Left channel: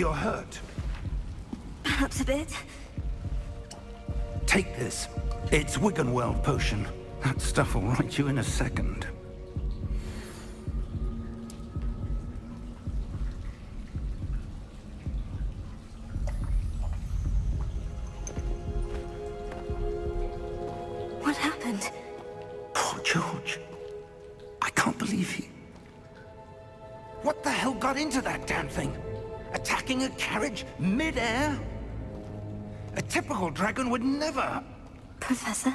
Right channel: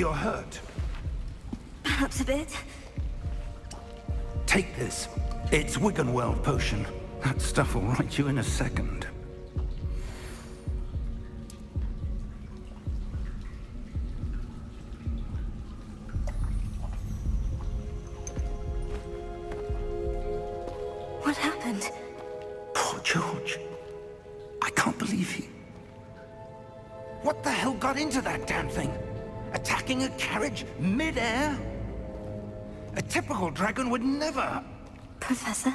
You're hurt. Perhaps a bit. Take this. It's Wiggenweld potion. That stuff will right you in a second. What happened? Poor George. I can't believe he... What the hell got into that damn thing? Attacking a carriage mid-air? A typical dragon would never... Professor?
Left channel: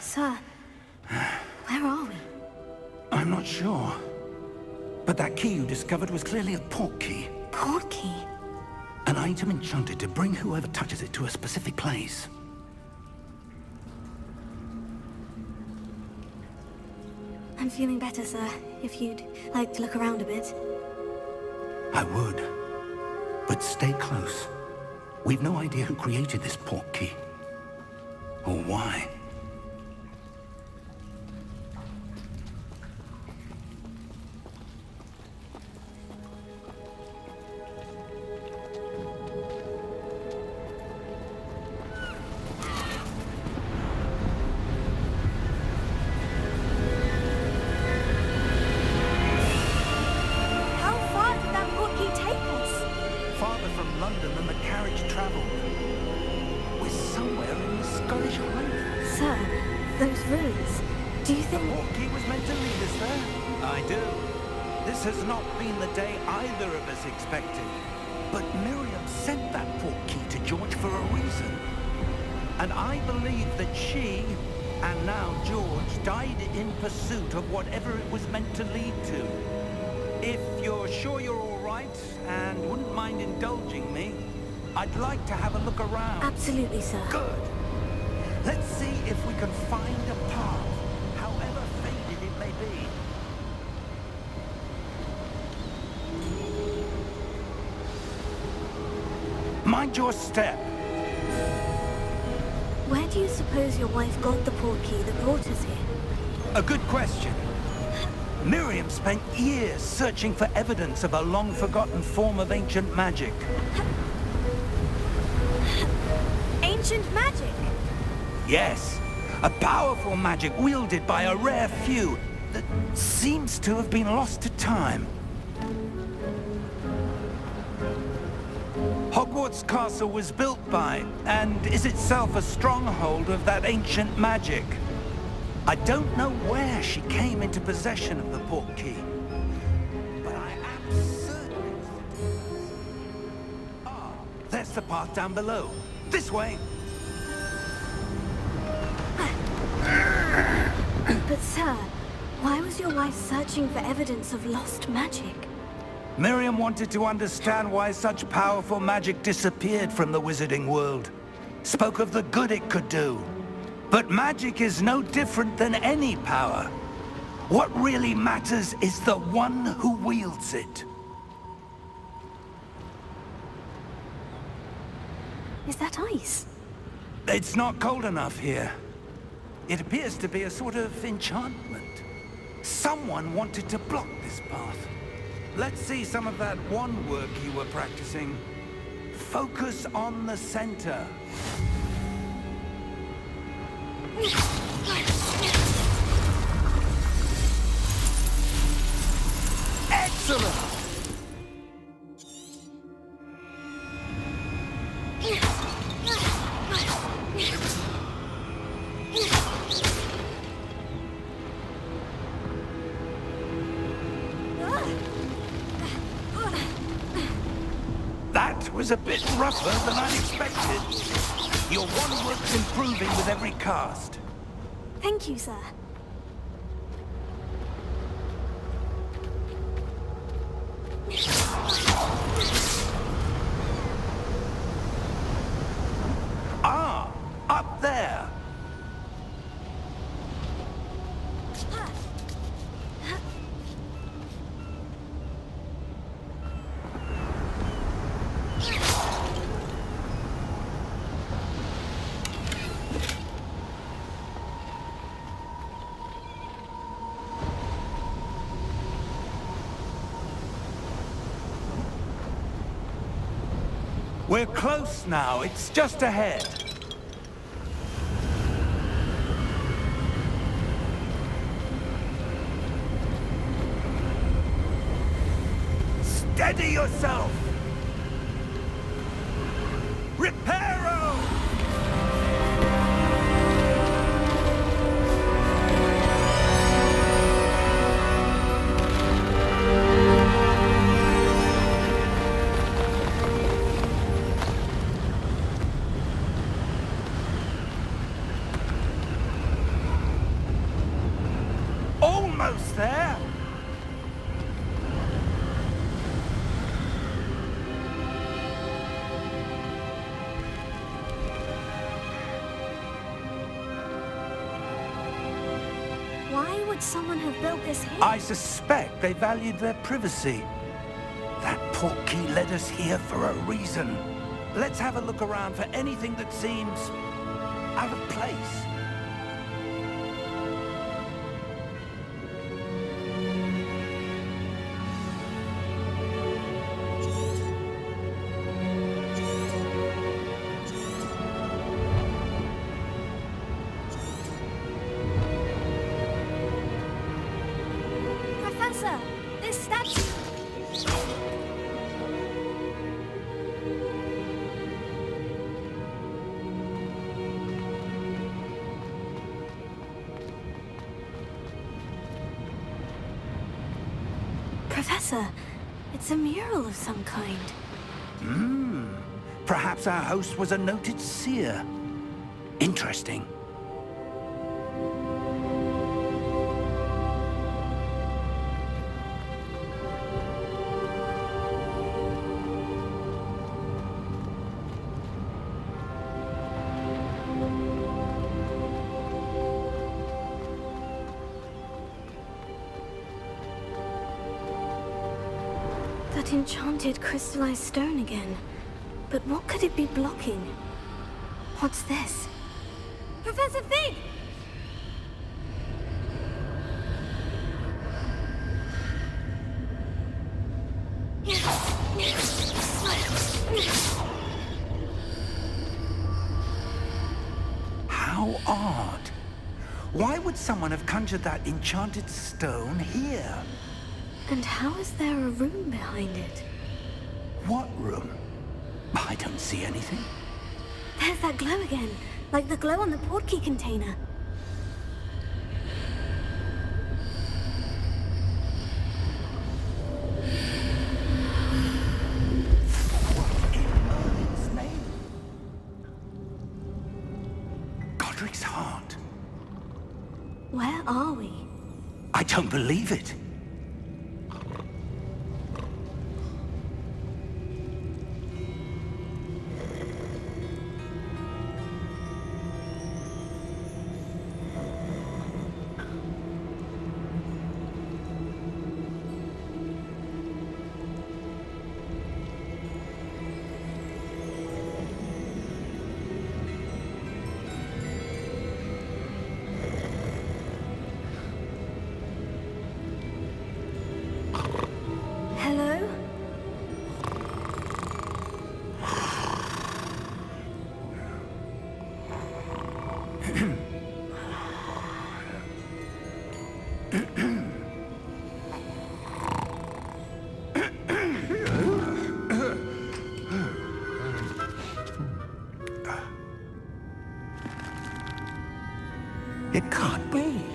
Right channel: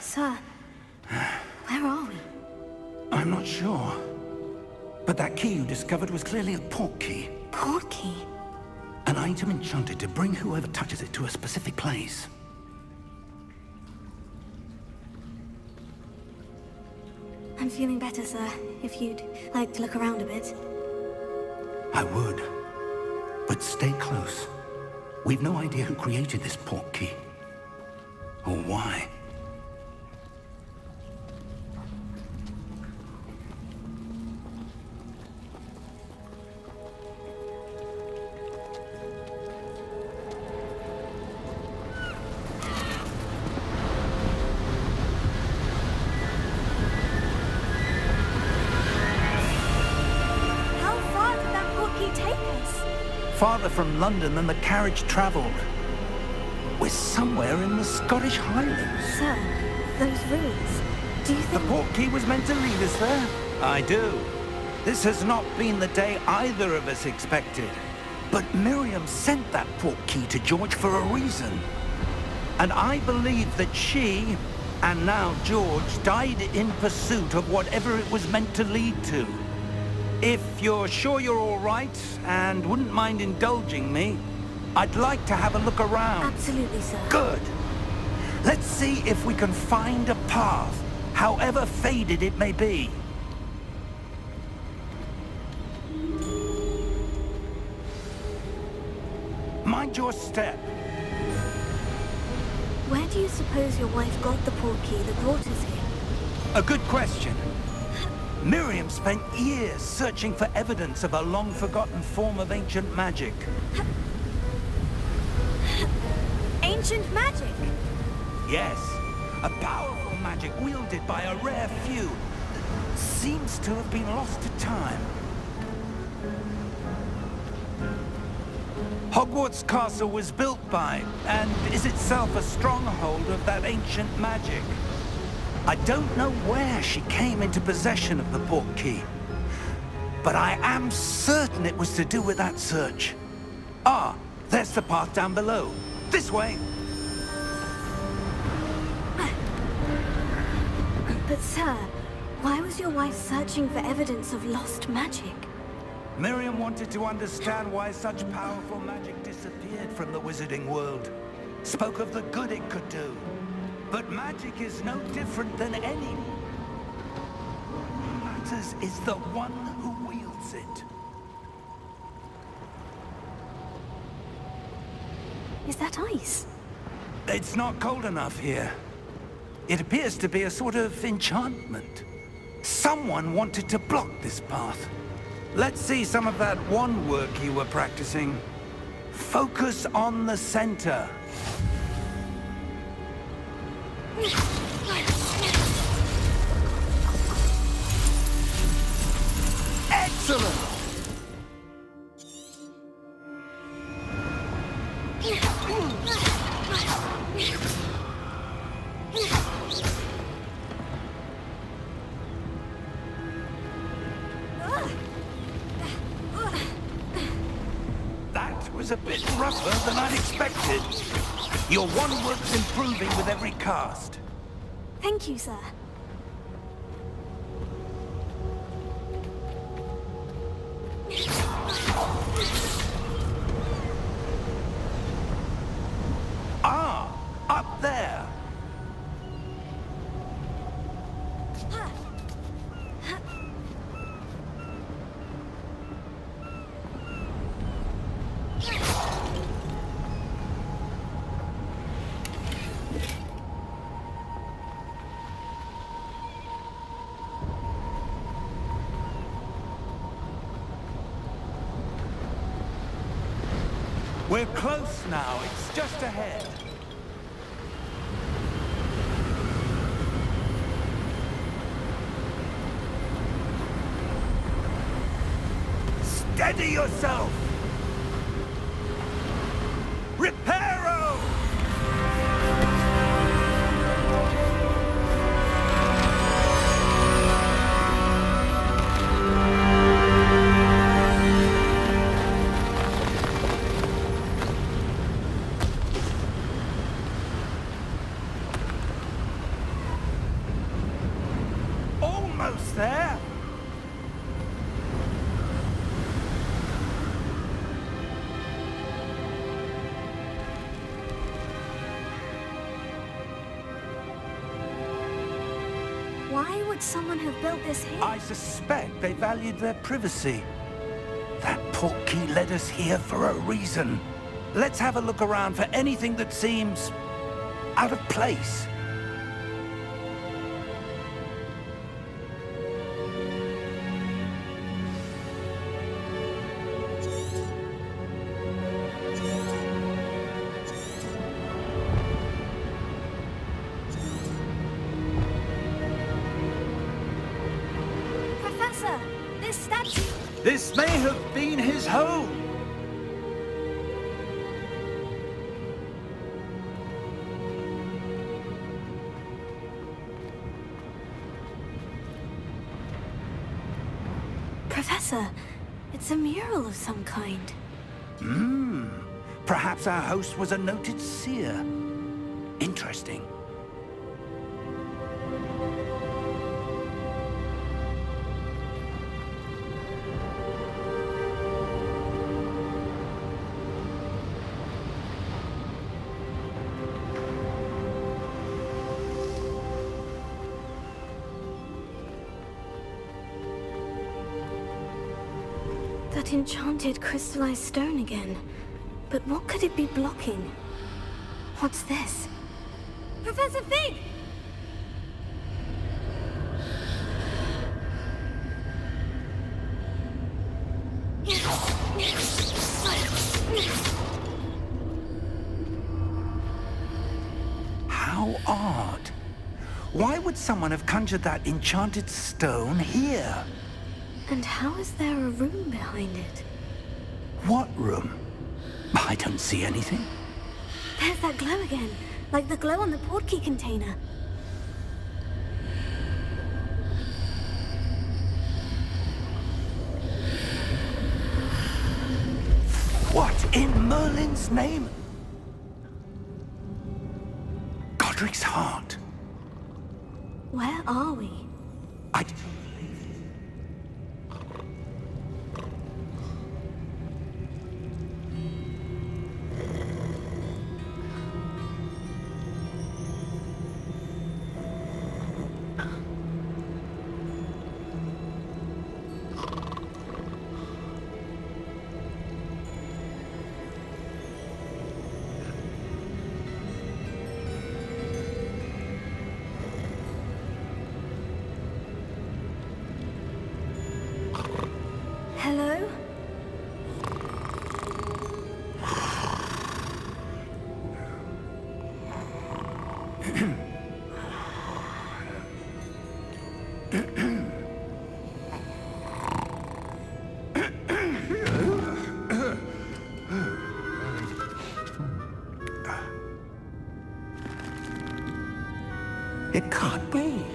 Sir, where are we? I'm not sure. But that key you discovered was clearly a portkey. Portkey? An item enchanted to bring whoever touches it to a specific place. I'm feeling better, sir. If you'd like to look around a bit. I would. But stay close. We've no idea who created this portkey. Or why. Farther from London than the carriage travelled. We're somewhere in the Scottish Highlands. Sir, those ruins, do you think... The portkey was meant to lead us there? I do. This has not been the day either of us expected. But Miriam sent that portkey to George for a reason. And I believe that she, and now George, died in pursuit of whatever it was meant to lead to. If you're sure you're all right, and wouldn't mind indulging me, I'd like to have a look around. Absolutely, sir. Good. Let's see if we can find a path, however faded it may be. Mind your step. Where do you suppose your wife got the portkey that brought us here? A good question. Miriam spent years searching for evidence of a long-forgotten form of ancient magic. Ancient magic? Yes. A powerful magic wielded by a rare few that seems to have been lost to time. Hogwarts Castle was built by, and is itself a stronghold of that ancient magic. I don't know where she came into possession of the portkey, but I am certain it was to do with that search. Ah, there's the path down below. This way! But sir, why was your wife searching for evidence of lost magic? Miriam wanted to understand why such powerful magic disappeared from the wizarding world. Spoke of the good it could do. But magic is no different than any power. What really matters is the one who wields it. Is that ice? It's not cold enough here. It appears to be a sort of enchantment. Someone wanted to block this path. Let's see some of that wand work you were practicing. Focus on the center. Excellent! That was a bit rougher than I'd expected. Your wand work's improving with every cast. Thank you, sir. Ah, up there. We're close now. It's just ahead. Steady yourself! Reparo! Almost there! Why would someone have built this here? I suspect they valued their privacy. That Portkey led us here for a reason. Let's have a look around for anything that seems out of place. Professor, this statue... This may have been his home. Professor, it's a mural of some kind. Perhaps our host was a noted seer. Interesting. That enchanted crystallized stone again. But what could it be blocking? What's this? Professor Fig! How odd. Why would someone have conjured that enchanted stone here? And how is there a room behind it? What room? I don't see anything. There's that glow again, like the glow on the Portkey container. What in Merlin's name? Godric's heart. Where are we? I don't believe it. Hello? It can't be.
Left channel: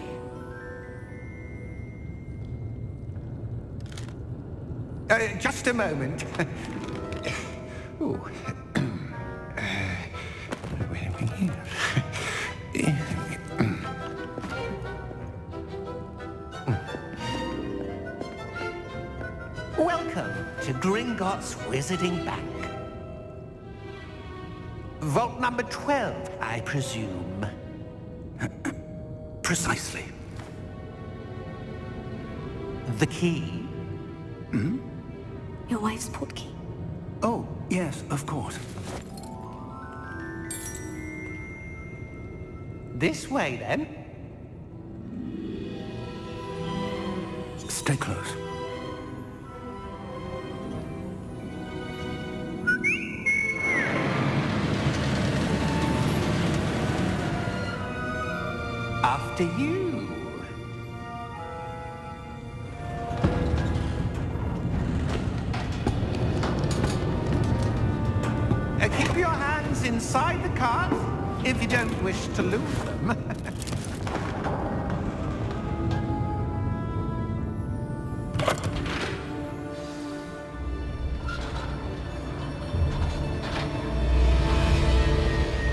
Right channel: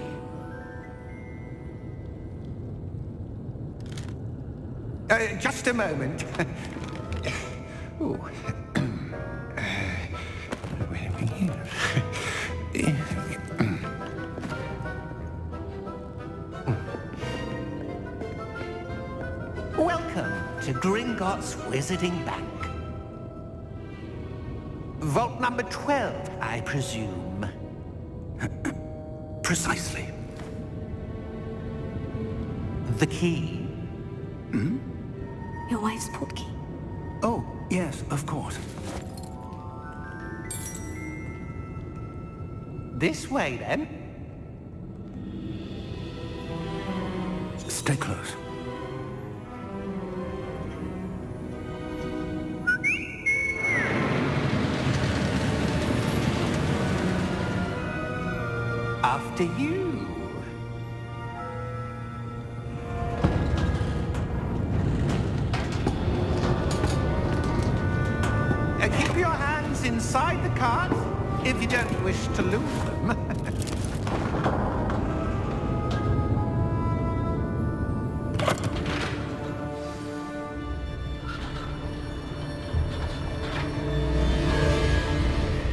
Just a moment. Ooh. Where are we here? Welcome to Gringotts Wizarding Bank. Vault number 12, I presume. Precisely. The key? Your wife's Portkey. Oh, yes, of course. This way, then. Stay close. After you. Keep your hands inside the cart if you don't wish to lose them.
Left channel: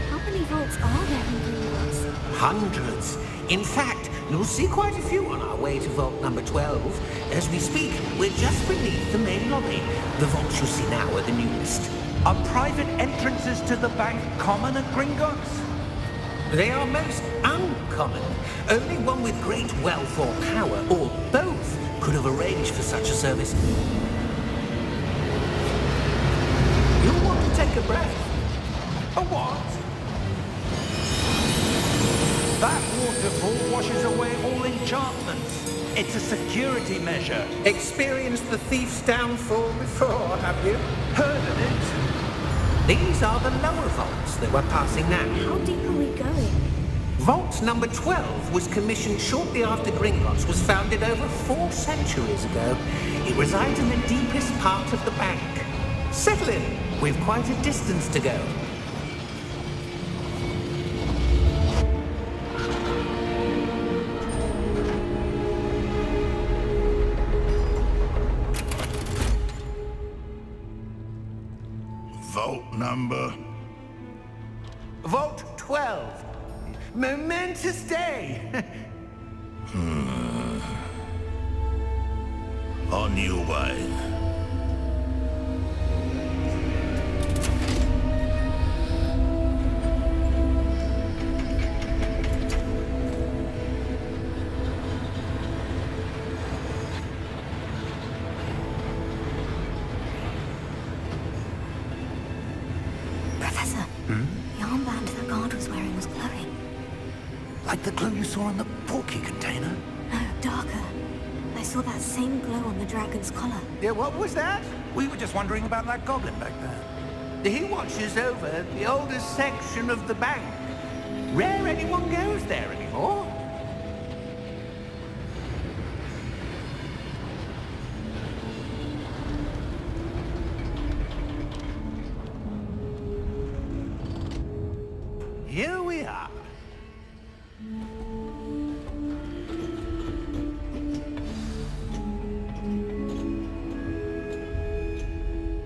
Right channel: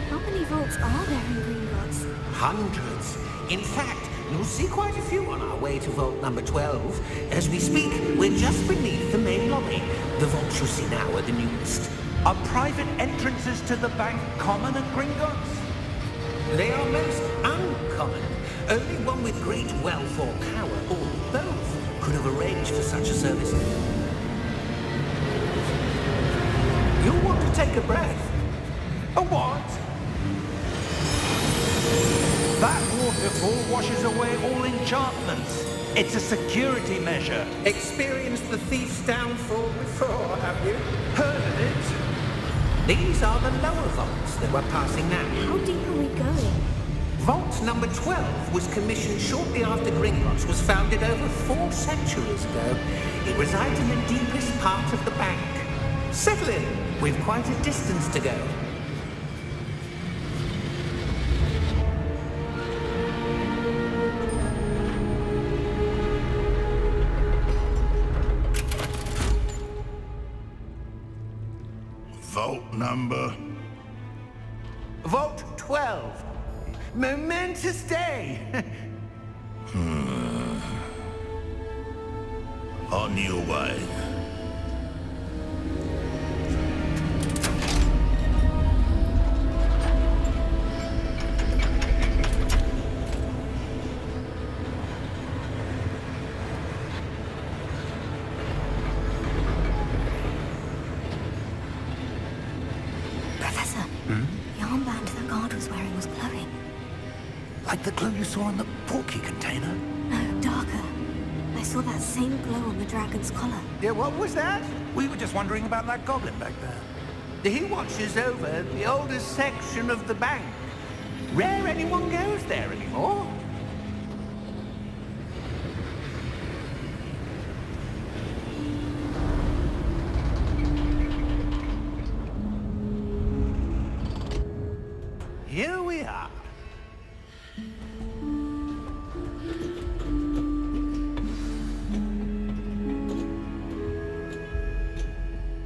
How many vaults are there in Gringotts? Hundreds. In fact, you'll see quite a few on our way to vault number 12. As we speak, we're just beneath the main lobby. The vaults you see now are the newest. Are private entrances to the bank common at Gringotts? They are most uncommon. Only one with great wealth or power, or both, could have arranged for such a service. You'll want to take a breath. A what? That waterfall washes away all enchantments. It's a security measure. Experienced the thief's downfall before, have you? Heard of it? These are the lower vaults that we're passing now. How deep are we going? Vault number 12 was commissioned shortly after Gringotts was founded over 4 centuries ago. It resides in the deepest part of the bank. Settle in. We've quite a distance to go. Vault number? Vault 12. Momentous day. On your way. Professor, the armband the guard was wearing was glowing. Like the glow you saw in the Portkey container? No, darker. I saw that same glow on the dragon's collar. Yeah, what was that? We were just wondering about that goblin back there. He watches over the oldest section of the bank. Rare anyone goes there anymore. Here we are.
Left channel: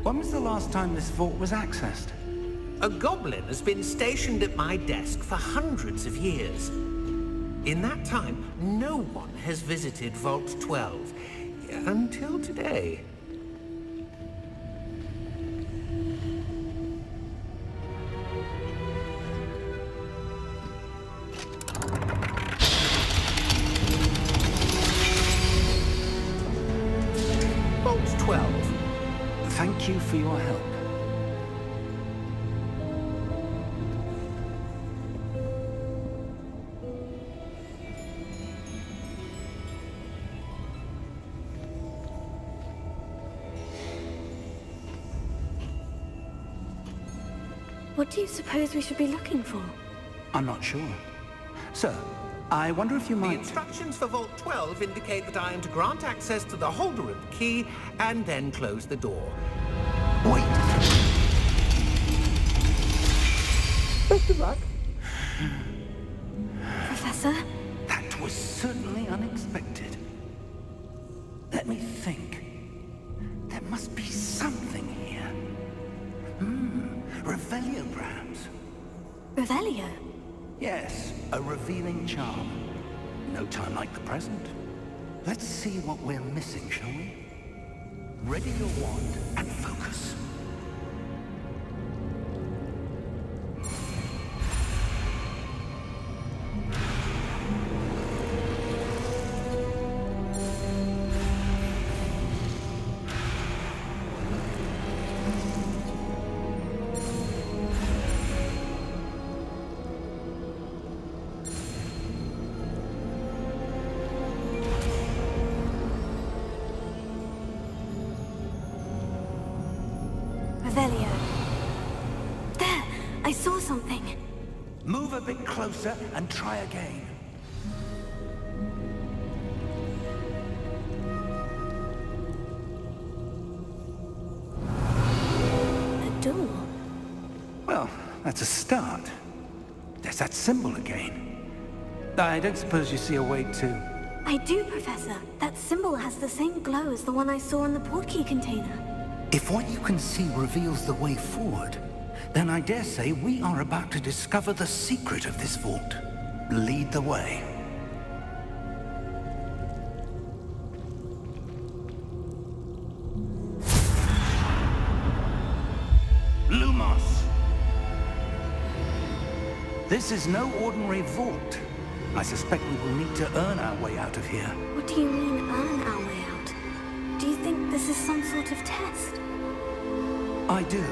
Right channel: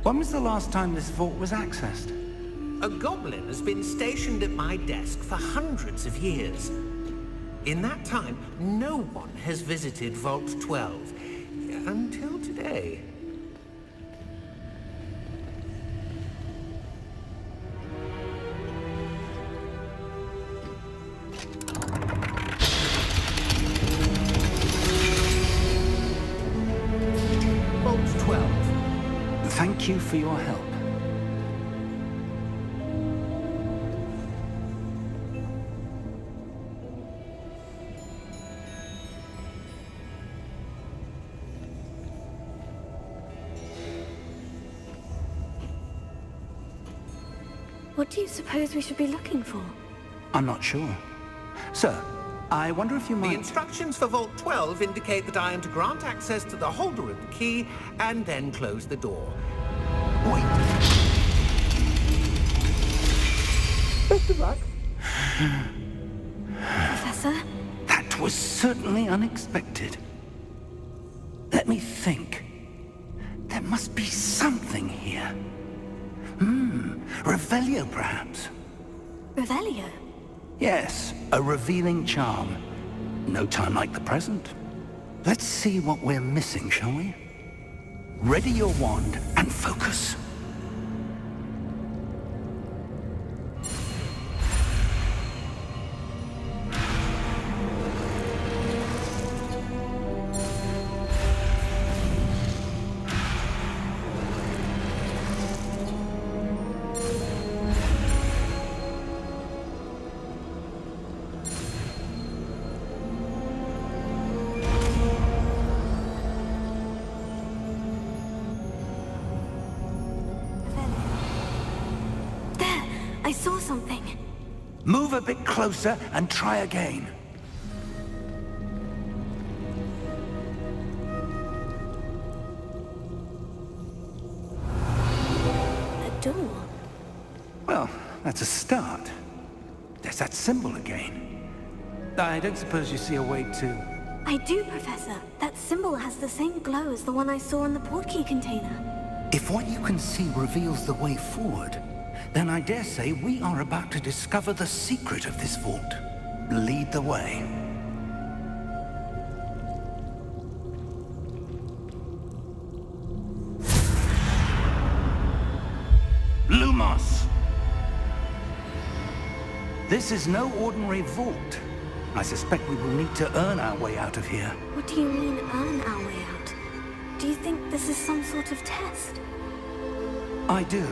When was the last time this vault was accessed? A goblin has been stationed at my desk for hundreds of years. In that time, no one has visited Vault 12. Until today. Vault 12. Thank you for your help. What do you suppose we should be looking for? I'm not sure. Sir, I wonder if you The might... instructions for Vault 12 indicate that I am to grant access to the holder of the key and then close the door. Wait! Best of luck. Professor? That was certainly unexpected. Let me think. There must be something here. Revelio, perhaps? Revelio? Yes, a revealing charm. No time like the present. Let's see what we're missing, shall we? Ready your wand and focus. Revelio. There! I saw something. Move a bit closer and try again. that's a start. There's that symbol again. I don't suppose you see a way to... I do, Professor. That symbol has the same glow as the one I saw in the Portkey container. If what you can see reveals the way forward, then I dare say we are about to discover the secret of this vault. Lead the way. Lumos! This is no ordinary vault. I suspect we will need to earn our way out of here. What do you mean, earn our way out? Do you think this is some sort of test? I do.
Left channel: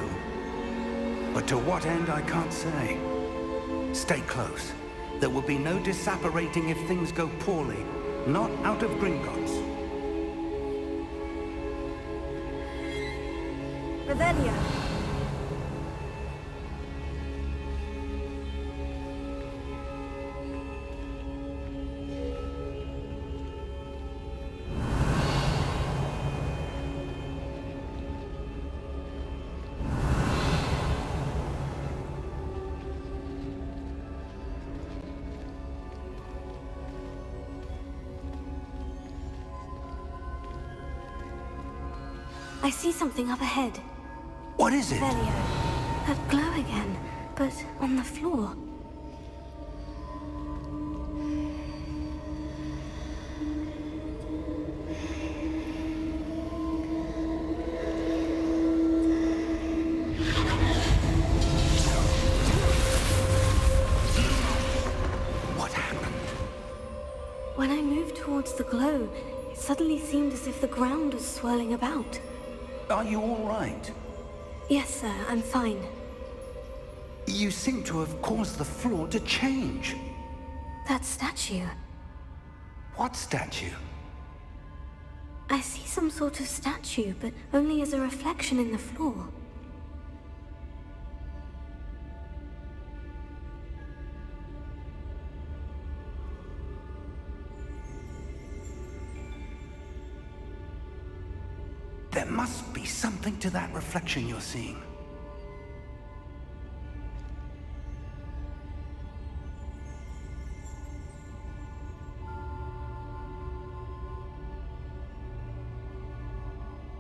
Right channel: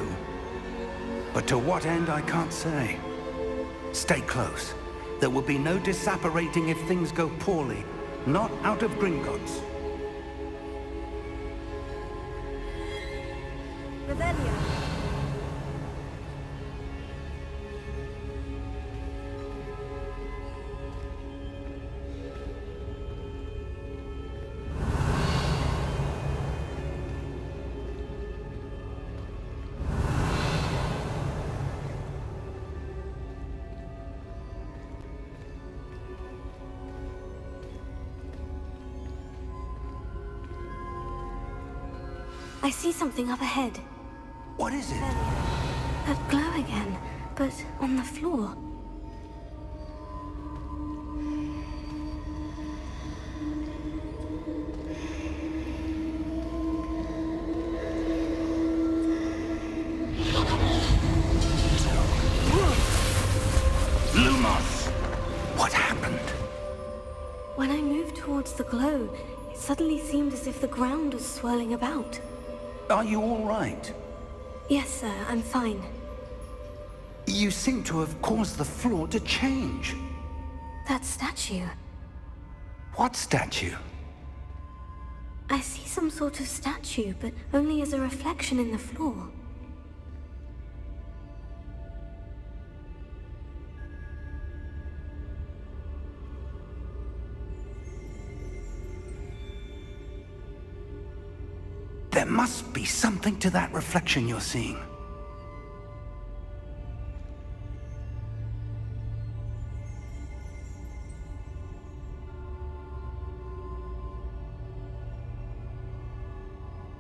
But to what end, I can't say. Stay close. There will be no disapparating if things go poorly. Not out of Gringotts. Revelio. I see something up ahead. What is it? Revelio. That glow again, but on the floor. Lumos! What happened? When I moved towards the glow, it suddenly seemed as if the ground was swirling about. Are you all right? Yes, sir, I'm fine. You seem to have caused the floor to change. That statue. What statue? I see some sort of statue, but only as a reflection in the floor. There must be something to that reflection you're seeing.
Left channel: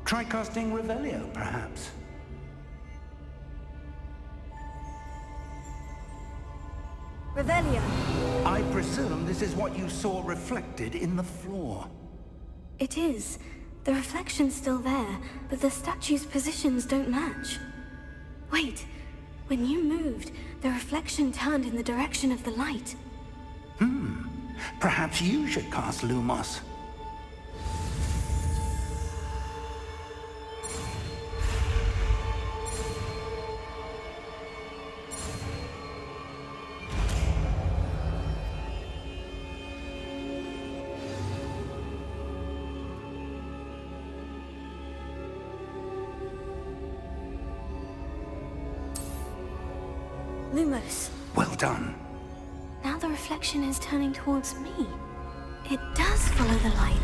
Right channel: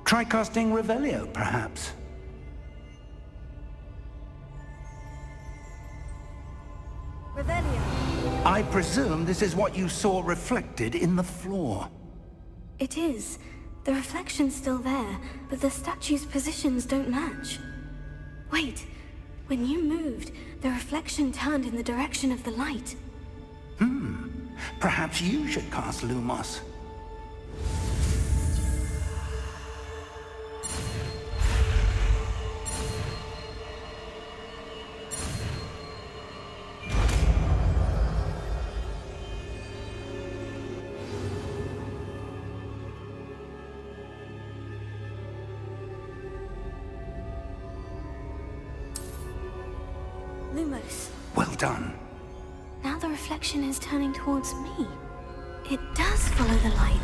Try casting Revelio, perhaps. Revelio. I presume this is what you saw reflected in the floor. It is. The reflection's still there, but the statue's positions don't match. Wait, when you moved, the reflection turned in the direction of the light. Perhaps you should cast Lumos. Lumos. Well done. Now the reflection is turning towards me. It does follow the light.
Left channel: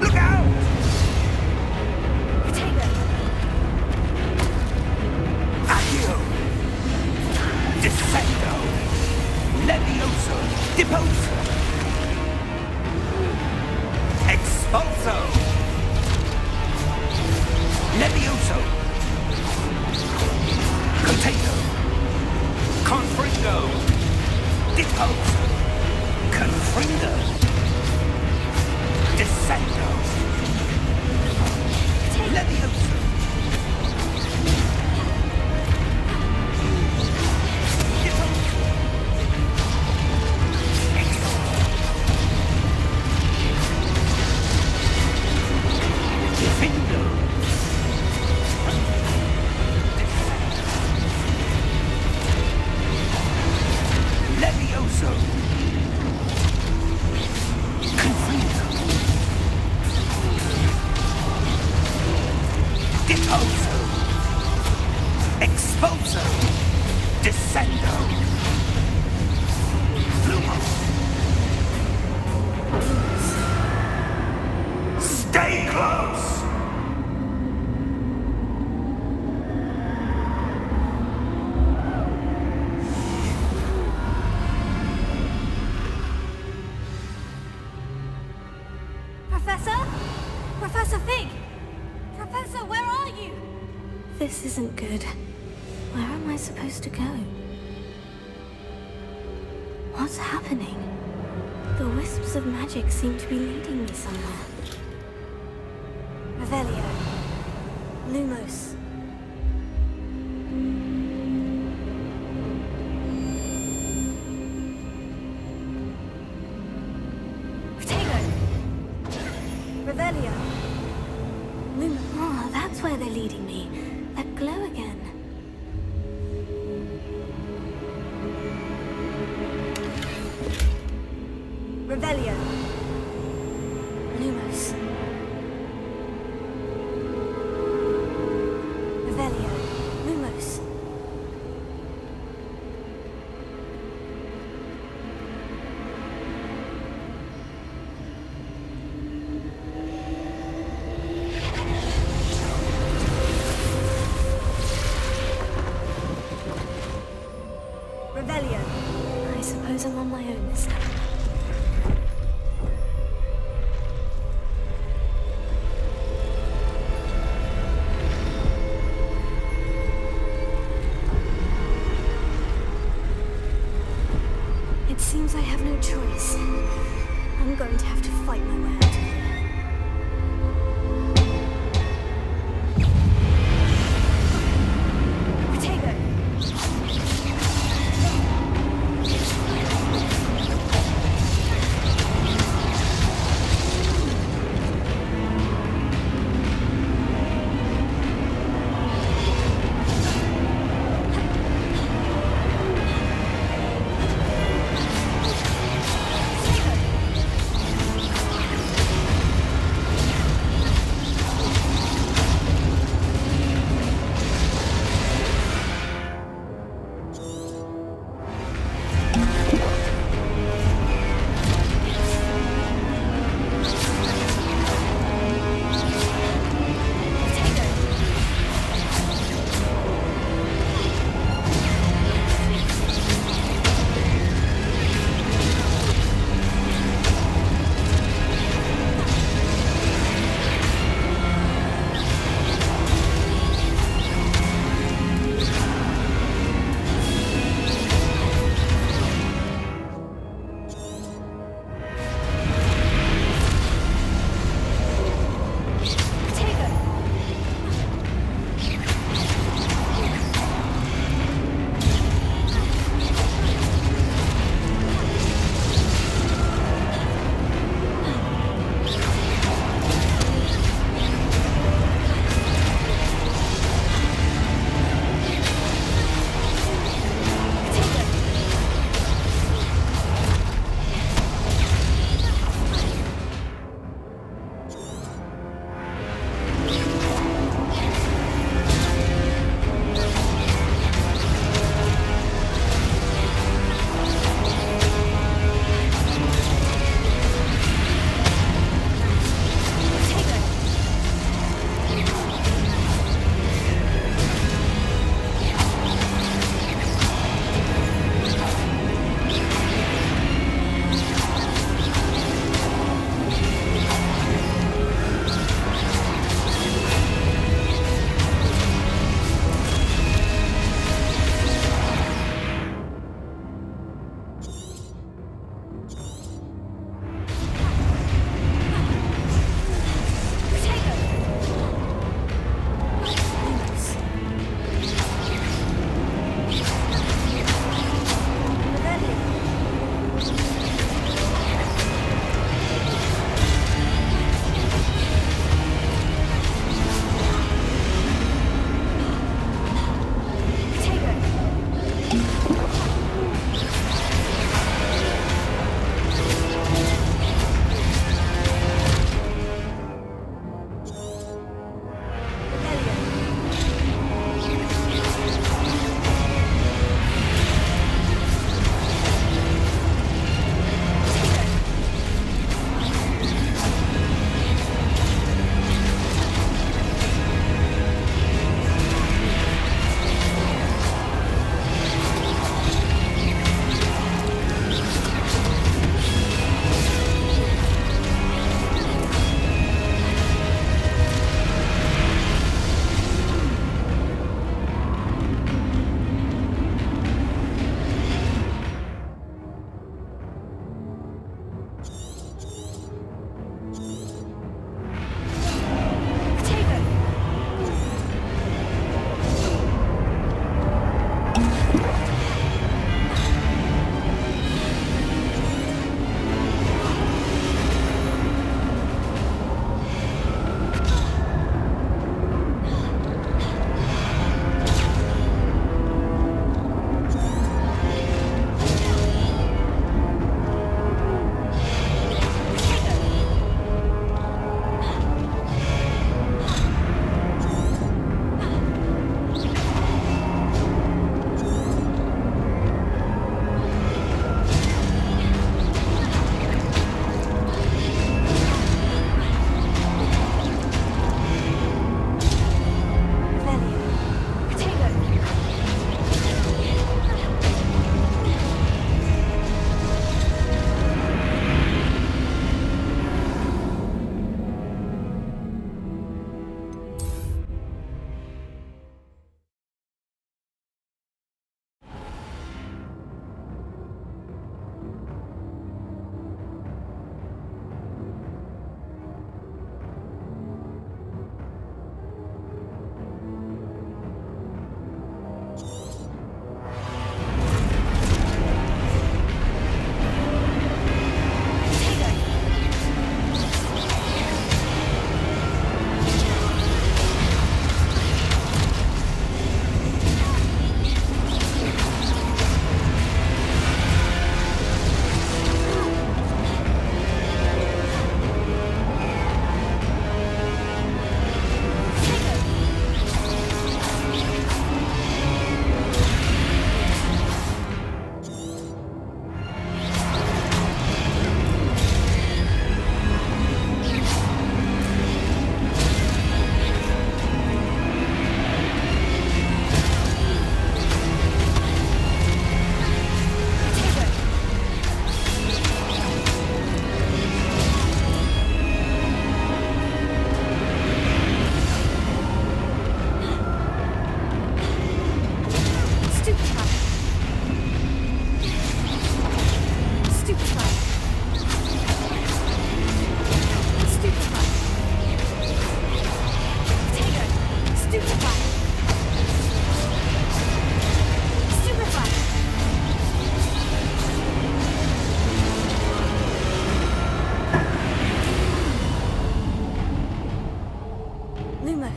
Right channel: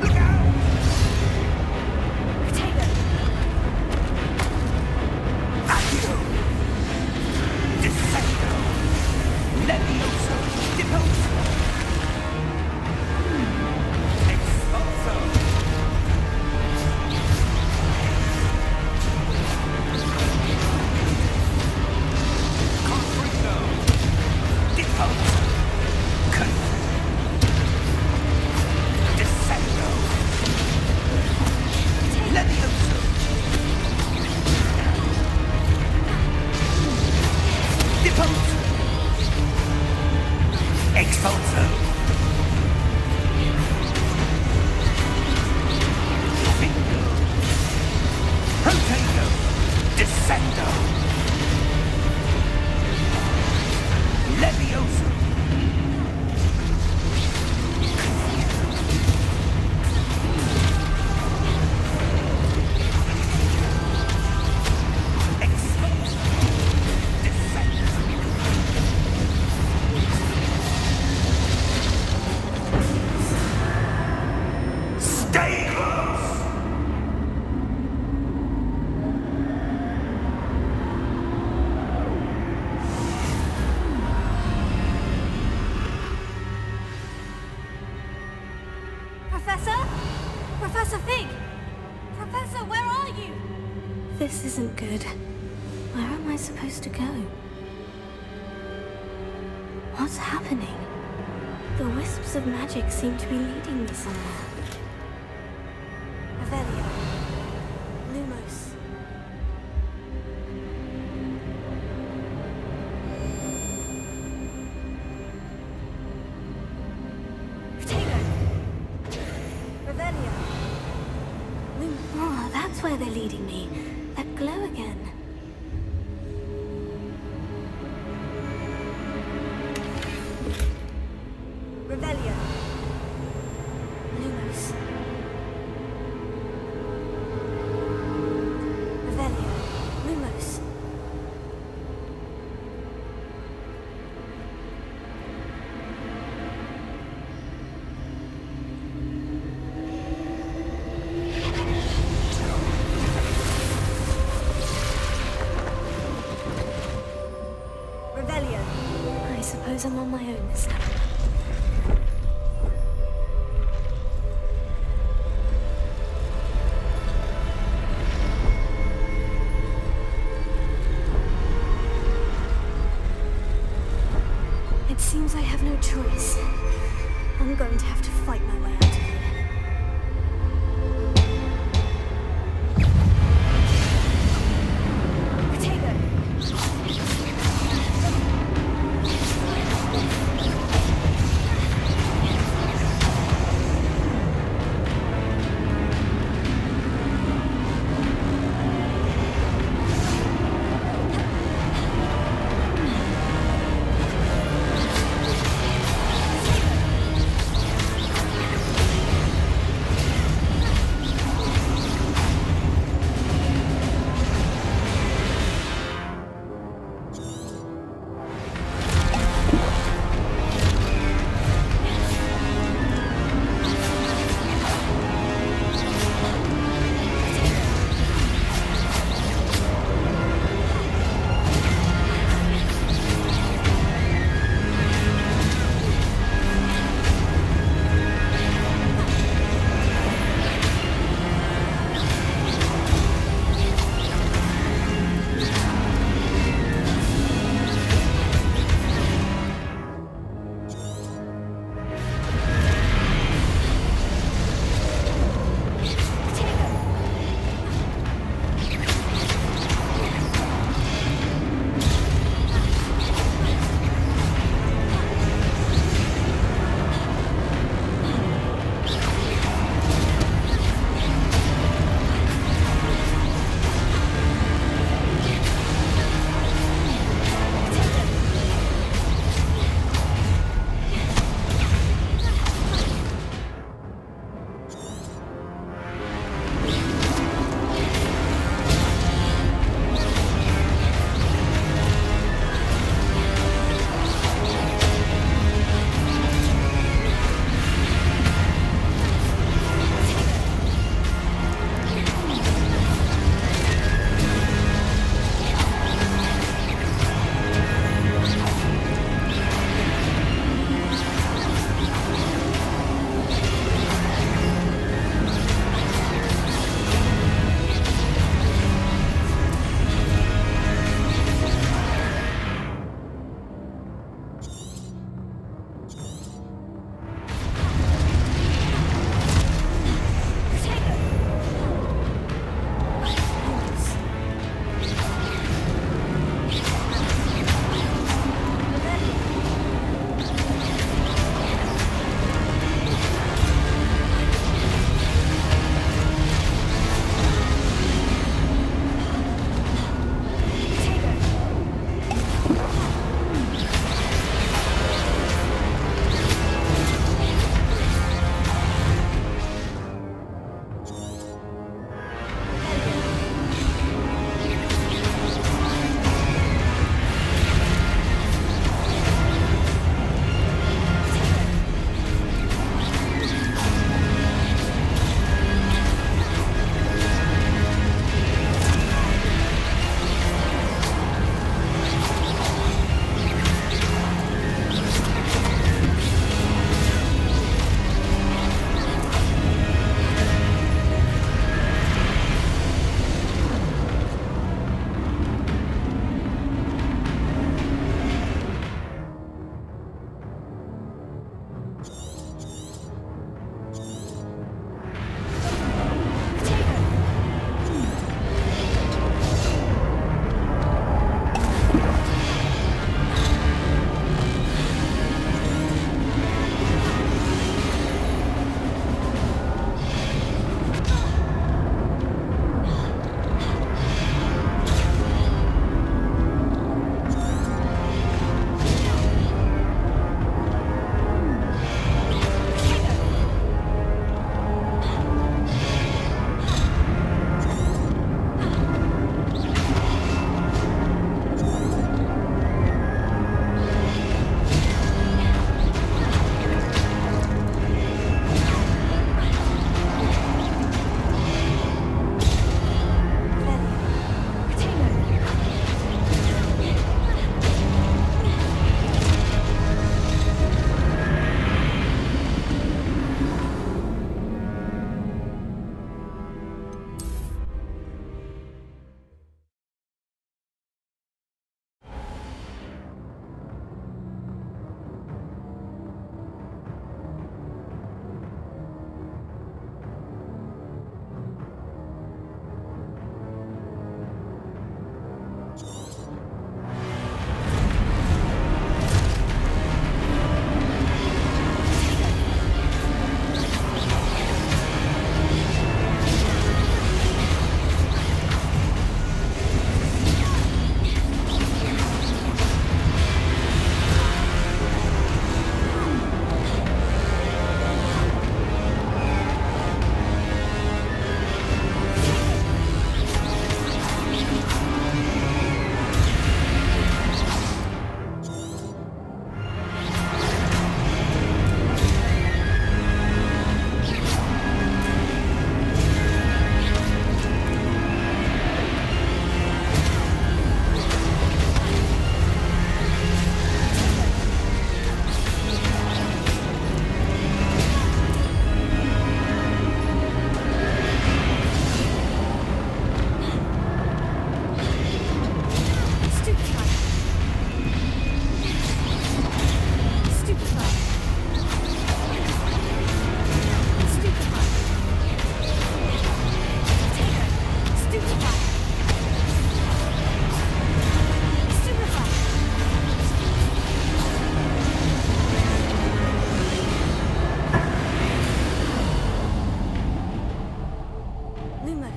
Look out! Potato! Accio! Descendo! Levioso! Deposo! Expulso! Levioso! Potato! Confringo! Deposo! Confringo! Descendo! Levioso! Deposo! Expulso! Findo! Potato! Descendo! Levioso! Confuso! Deposo! Expulso! Professor? Professor Fig! Professor, where are you? This isn't good. Where am I supposed to go? What's happening? The wisps of magic seem to be leading me somewhere. Revelio. Lumos. Protego. Revelio. Oh, that's where they're leading me. That glow again. Revelio. Lumos. Revelio. Lumos. Revelio. I suppose I'm on my own this time. It seems I have no choice. I'm going to have to fight my way out of here. Protego!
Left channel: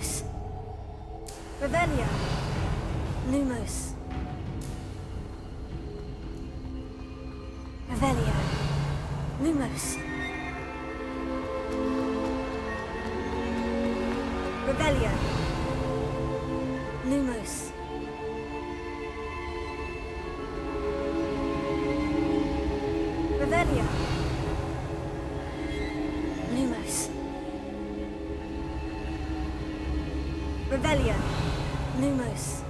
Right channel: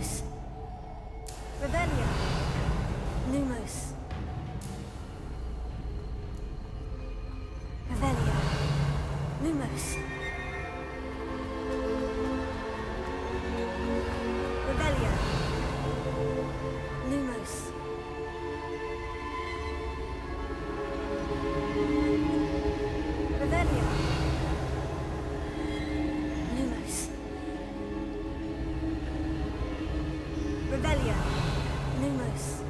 Lumos. Revelio. Lumos. Revelio. Lumos. Revelio. Lumos. Revelio. Lumos. Revelio. Lumos.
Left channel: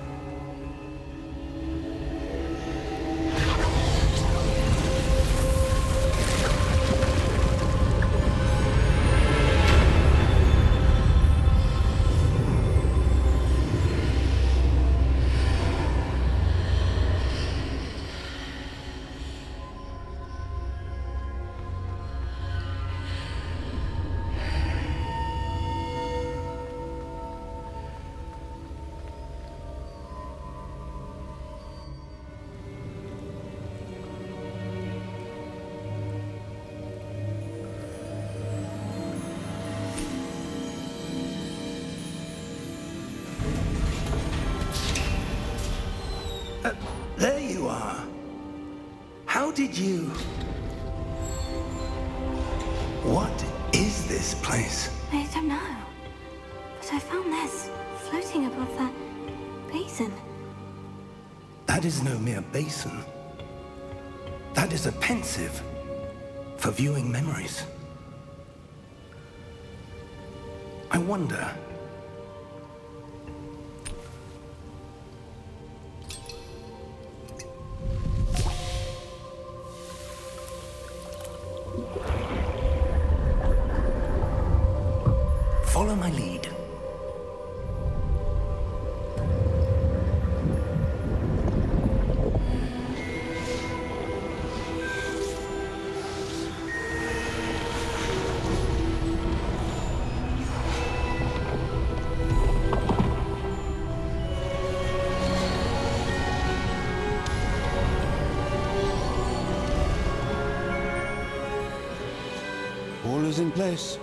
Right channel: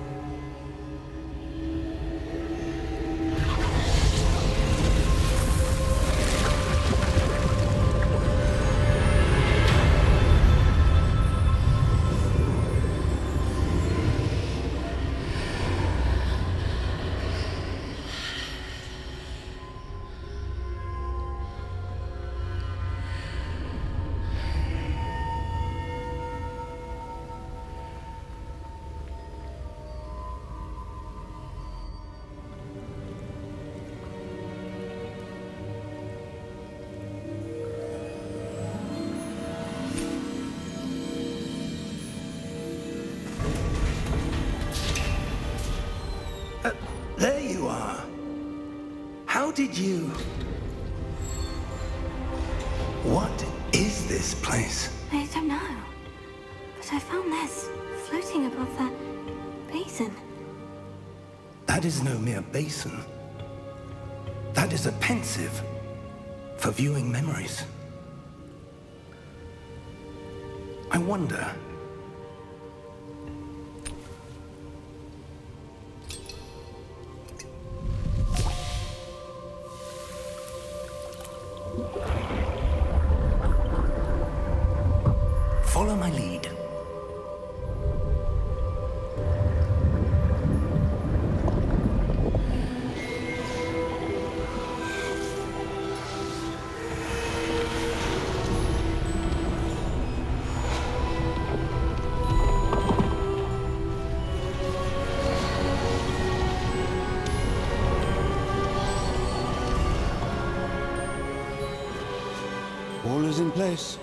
There you are. How did you... What is this place? I don't know. But I found this floating above that basin. That is no mere basin. That is a pensive for viewing memories. I wonder... Follow my lead. All is in place.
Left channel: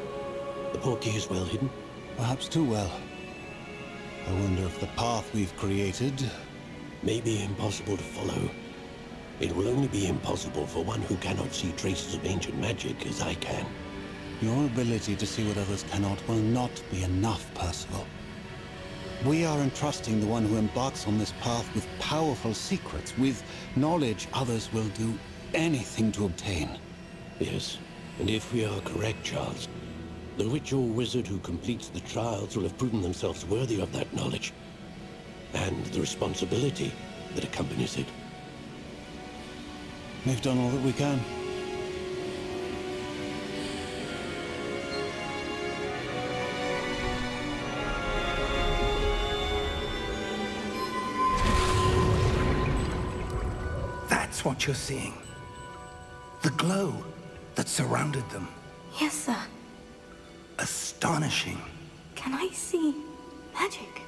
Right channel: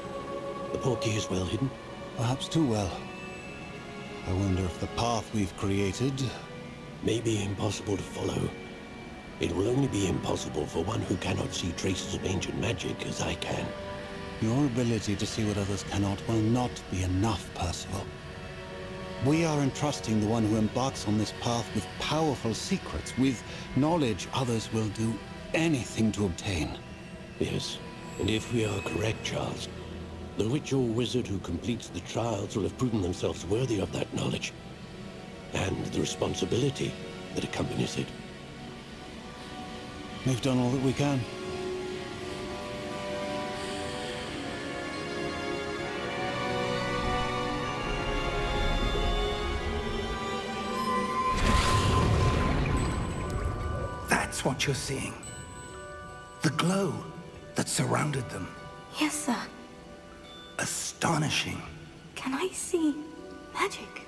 The portkey is well hidden. Perhaps too well. I wonder if the path we've created... May be impossible to follow. It will only be impossible for one who cannot see traces of ancient magic as I can. Your ability to see what others cannot will not be enough, Percival. We are entrusting the one who embarks on this path with powerful secrets, with knowledge others will do anything to obtain. Yes, and if we are correct, Charles, the witch or wizard who completes the trials will have proven themselves worthy of that knowledge, and the responsibility that accompanies it. We've done all that we can. That's what you're seeing. The glow that surrounded them. Yes, sir. Astonishing. Can I see magic?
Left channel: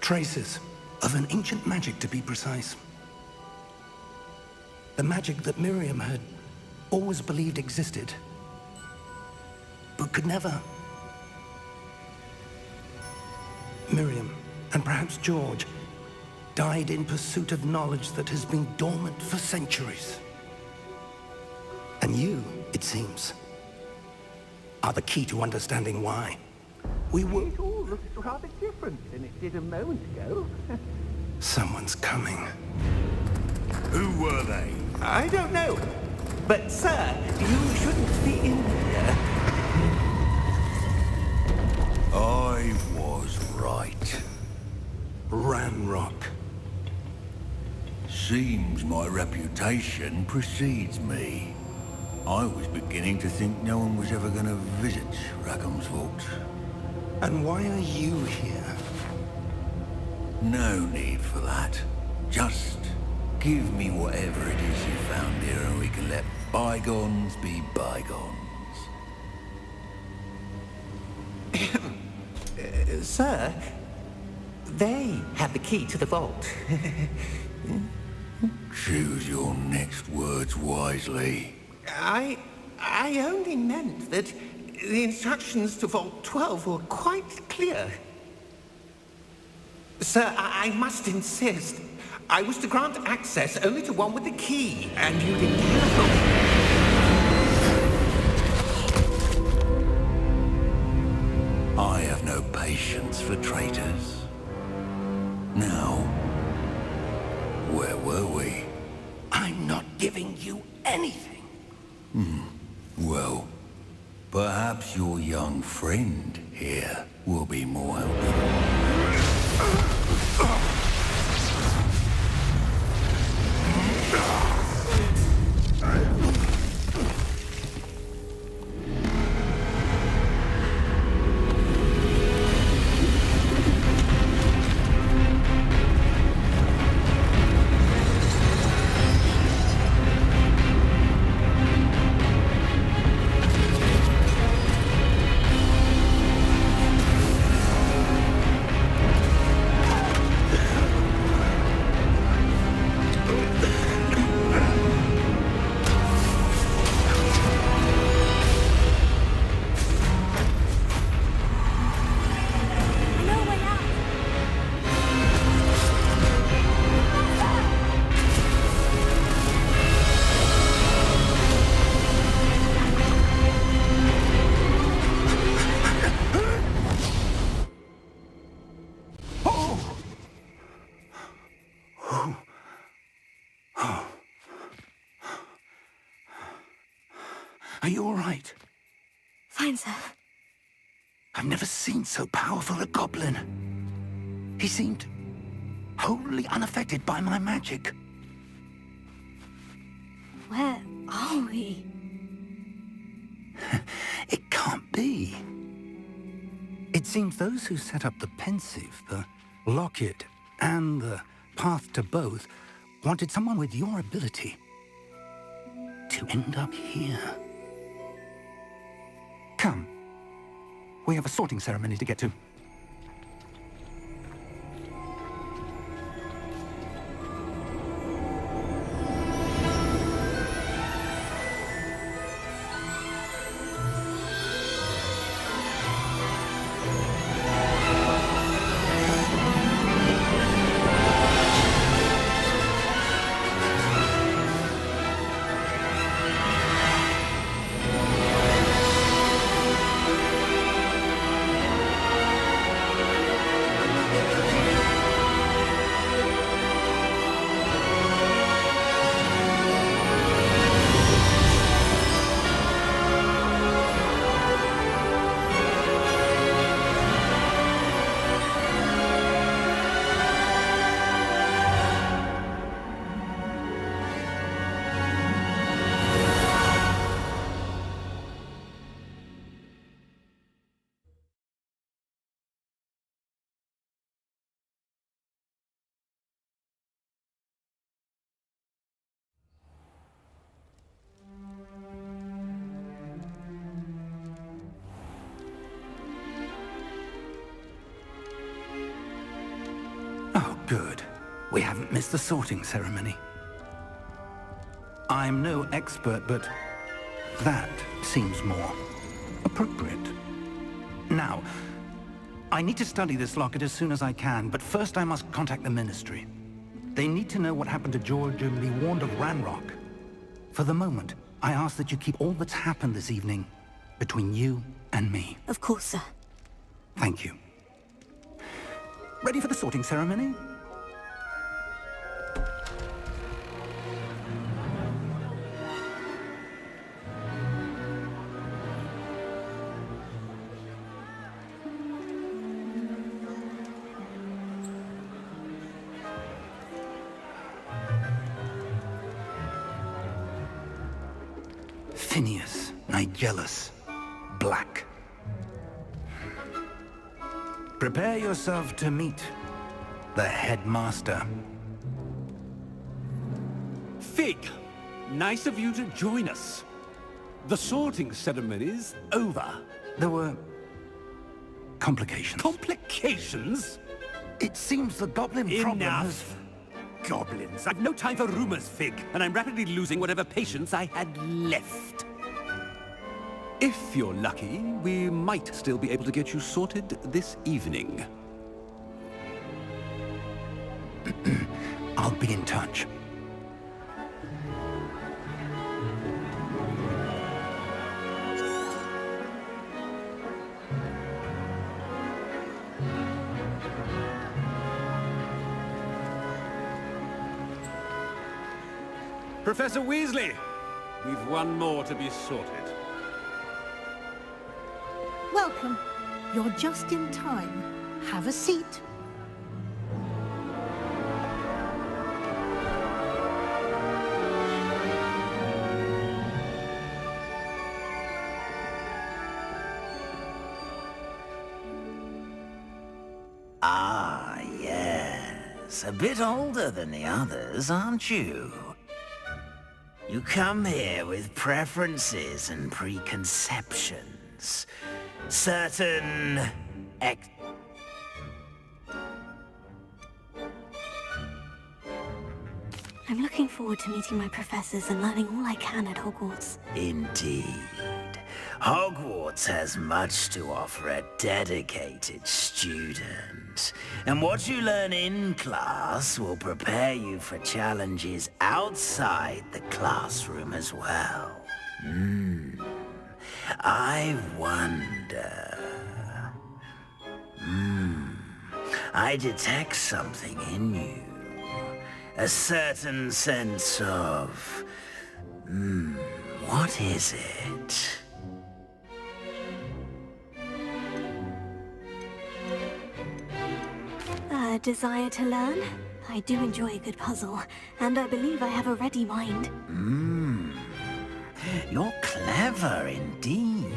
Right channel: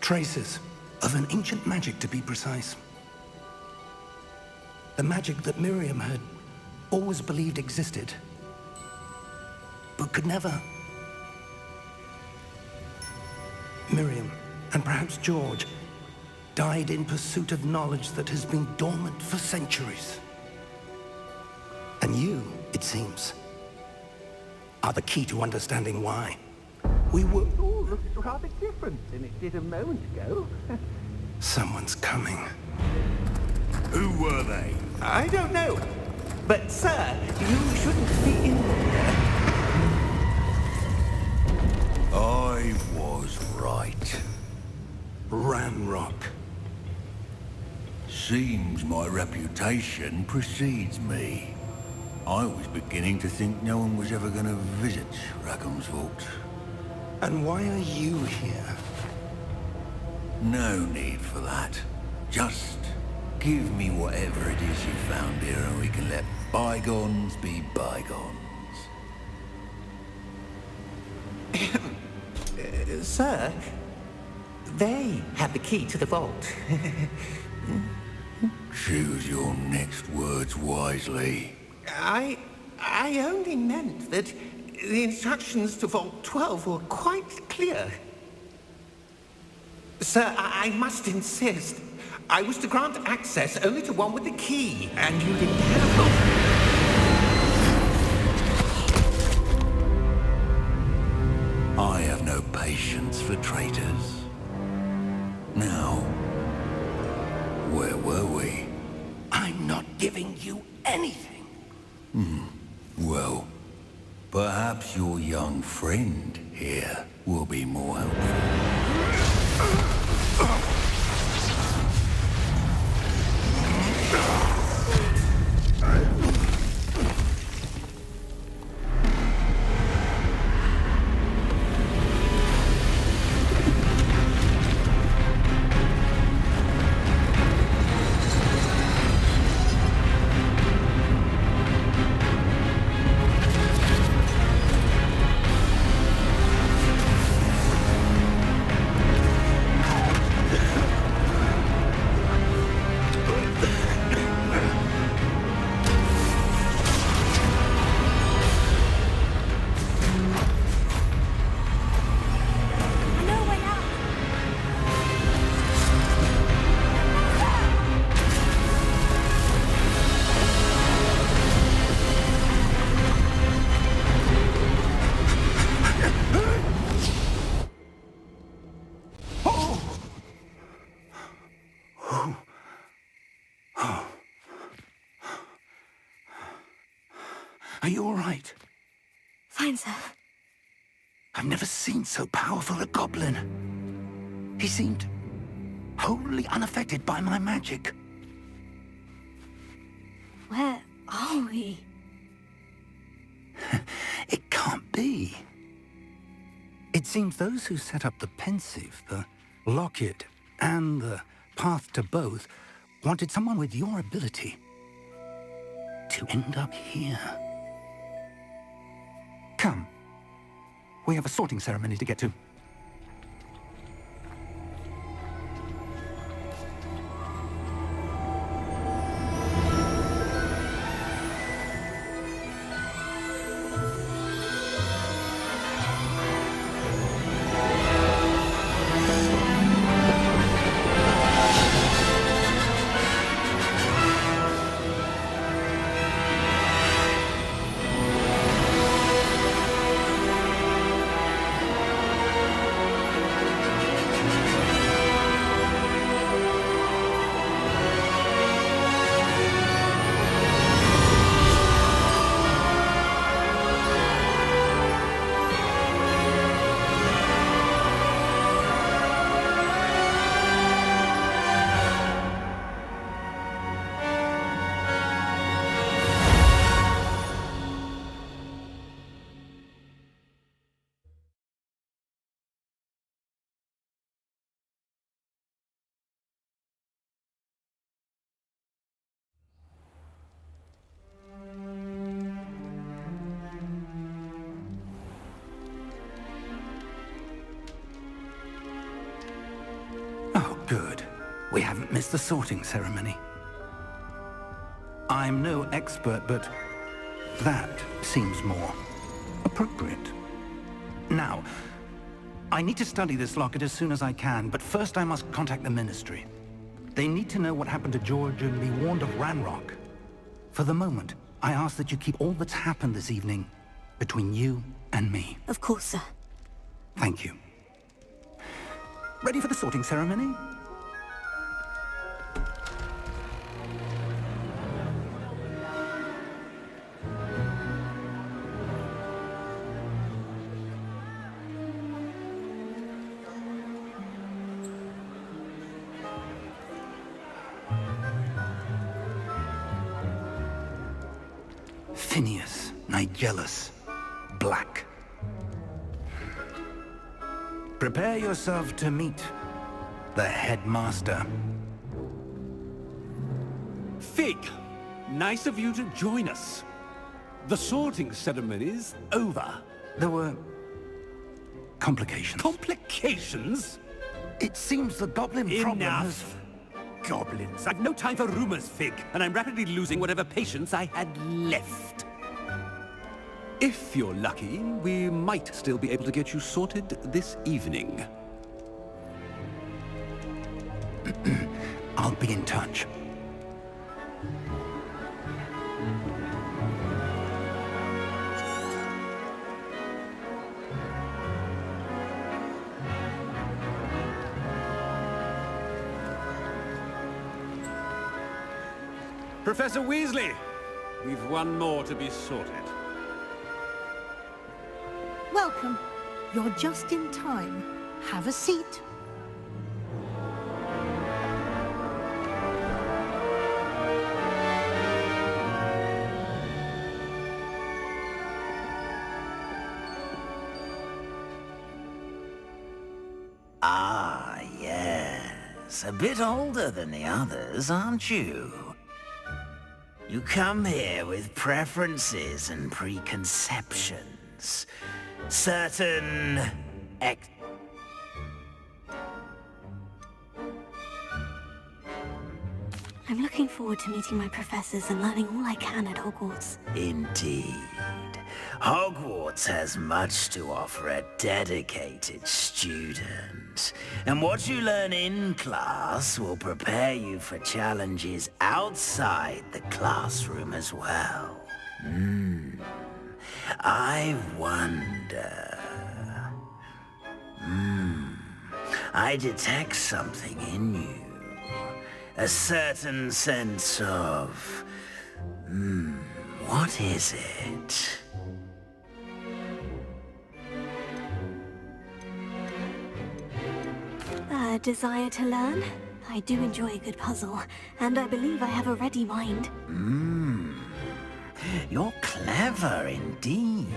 Traces of an ancient magic, to be precise. The magic that Miriam had always believed existed, but could never. Miriam, and perhaps George, died in pursuit of knowledge that has been dormant for centuries. And you, it seems, are the key to understanding why. We were... It all looks rather different than it did a moment ago. Someone's coming. Who were they? I don't know. But, sir, you shouldn't be in here. I was right. Ramrock. Seems my reputation precedes me. I was beginning to think no one was ever going to visit Rackham's vault. And why are you here? No need for that. Just give me whatever it is you found here and we can let bygones be bygones. Sir, they have the key to the vault. Choose your next words wisely. I only meant that the instructions to Vault 12 were quite clear. Sir, I must insist. I was to grant access only to one with the key, and you didn't have. I have no patience for traitors. Now, where were we? I'm not giving you anything. Well, perhaps your young friend here will be more helpful. Are you all right? Fine, sir. I've never seen so powerful a goblin. He seemed wholly unaffected by my magic. Where are we? It can't be. It seems those who set up the pensive, the locket, and the path to both wanted someone with your ability to end up here. Come. We have a sorting ceremony to get to. Oh, good. We haven't missed the sorting ceremony. I'm no expert, but that seems more appropriate. Now, I need to study this locket as soon as I can, but first I must contact the Ministry. They need to know what happened to George and be warned of Ranrock. For the moment, I ask that you keep all that's happened this evening between you and me. Of course, sir. Thank you. Ready for the sorting ceremony? Phineas, Nigellus, Black. Prepare yourself to meet the headmaster. Fig, nice of you to join us. The sorting ceremony's over. There were complications. Complications? It seems the goblin problem has... Enough. Goblins. I've no time for rumors, Fig, and I'm rapidly losing whatever patience I had left. If you're lucky, we might still be able to get you sorted this evening. I'll be in touch. Professor Weasley, we've one more to be sorted. Welcome. You're just in time. Have a seat. Ah, yes. A bit older than the others, aren't you? You come here with preferences and preconceptions. Certain I'm looking forward to meeting my professors and learning all I can at Hogwarts. Indeed. Hogwarts has much to offer a dedicated student. And what you learn in class will prepare you for challenges outside the classroom as well. I wonder... I detect something in you. A certain sense of... what is it? A desire to learn? I do enjoy a good puzzle, and I believe I have a ready mind. You're clever indeed.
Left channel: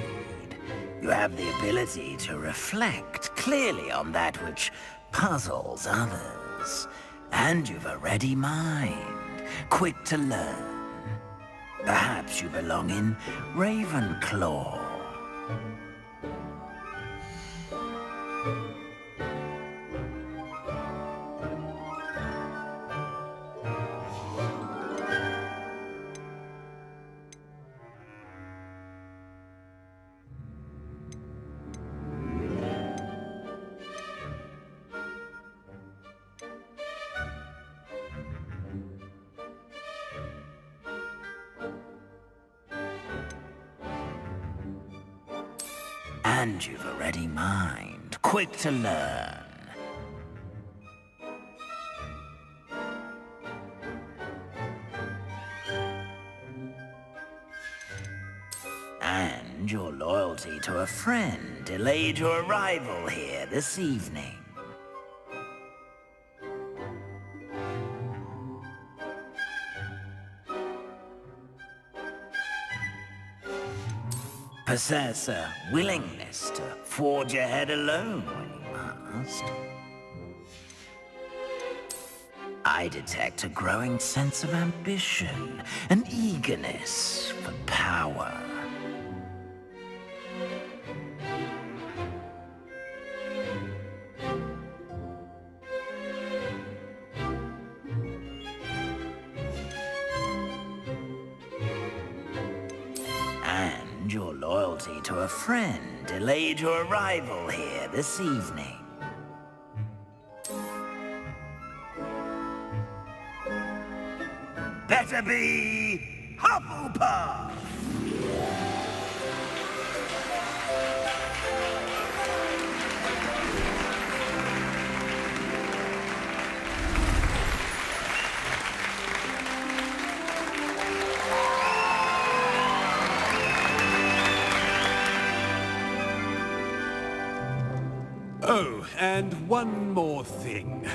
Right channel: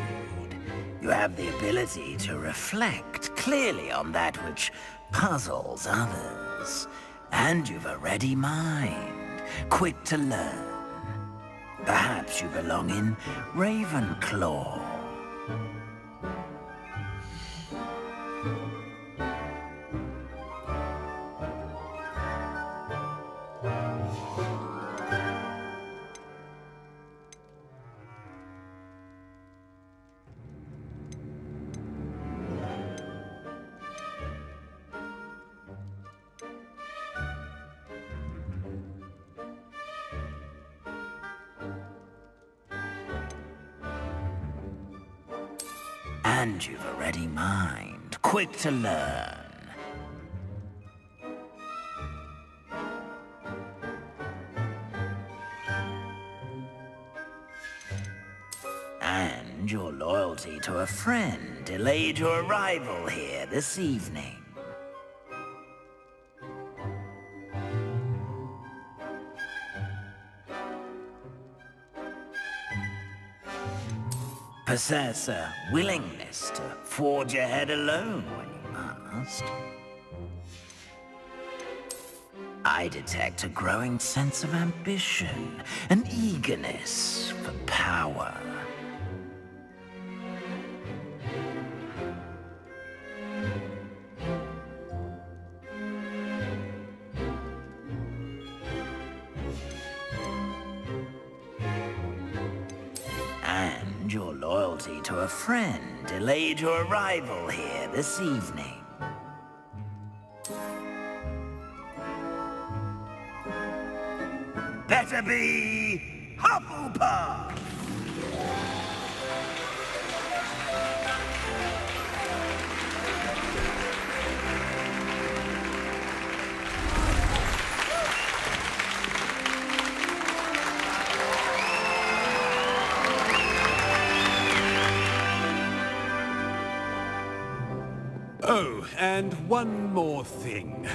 You have the ability to reflect clearly on that which puzzles others. And you've a ready mind, quick to learn. Perhaps you belong in Ravenclaw. And you've a ready mind, quick to learn. And your loyalty to a friend delayed your arrival here this evening. Possess a willingness to forge ahead alone when you must. I detect a growing sense of ambition, an eagerness for power. And your loyalty to a friend delayed your arrival here this evening. Better be Hufflepuff! Oh, and one more thing.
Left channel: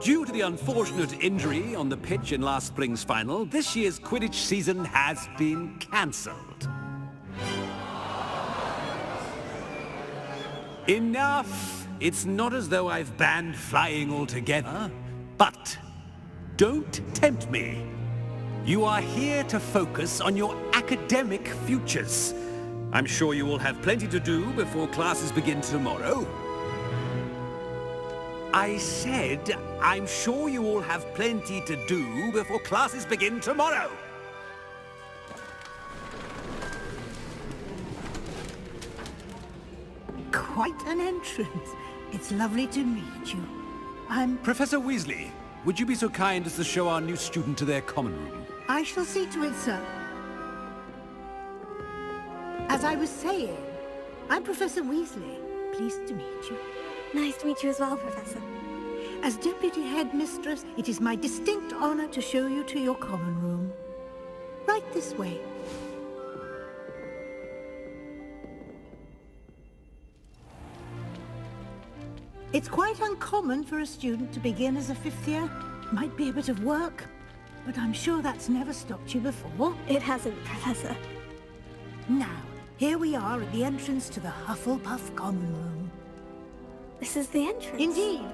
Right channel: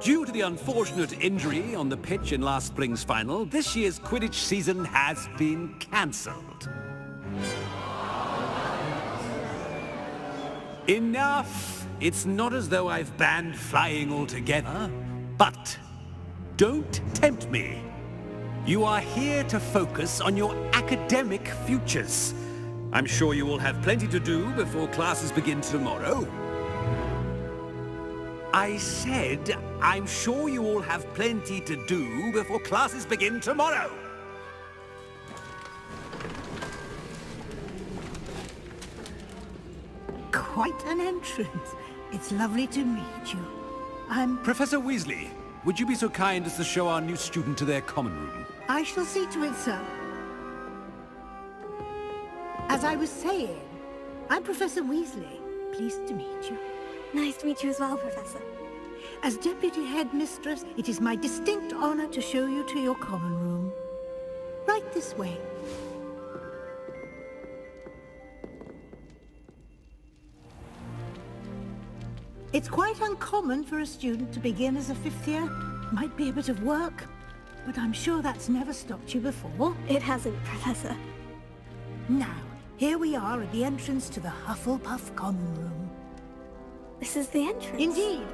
Due to the unfortunate injury on the pitch in last spring's final, this year's Quidditch season has been cancelled. Enough! It's not as though I've banned flying altogether, but don't tempt me. You are here to focus on your academic futures. I'm sure you will have plenty to do before classes begin tomorrow. I said, I'm sure you all have plenty to do before classes begin tomorrow. Quite an entrance. It's lovely to meet you. I'm... Professor Weasley, would you be so kind as to show our new student to their common room? I shall see to it, sir. As I was saying, I'm Professor Weasley. Pleased to meet you. Nice to meet you as well, Professor. As Deputy Headmistress, it is my distinct honor to show you to your common room. Right this way. It's quite uncommon for a student to begin as a fifth year. Might be a bit of work, but I'm sure that's never stopped you before. It hasn't, Professor. Now, here we are at the entrance to the Hufflepuff common room. This is the entrance? Indeed.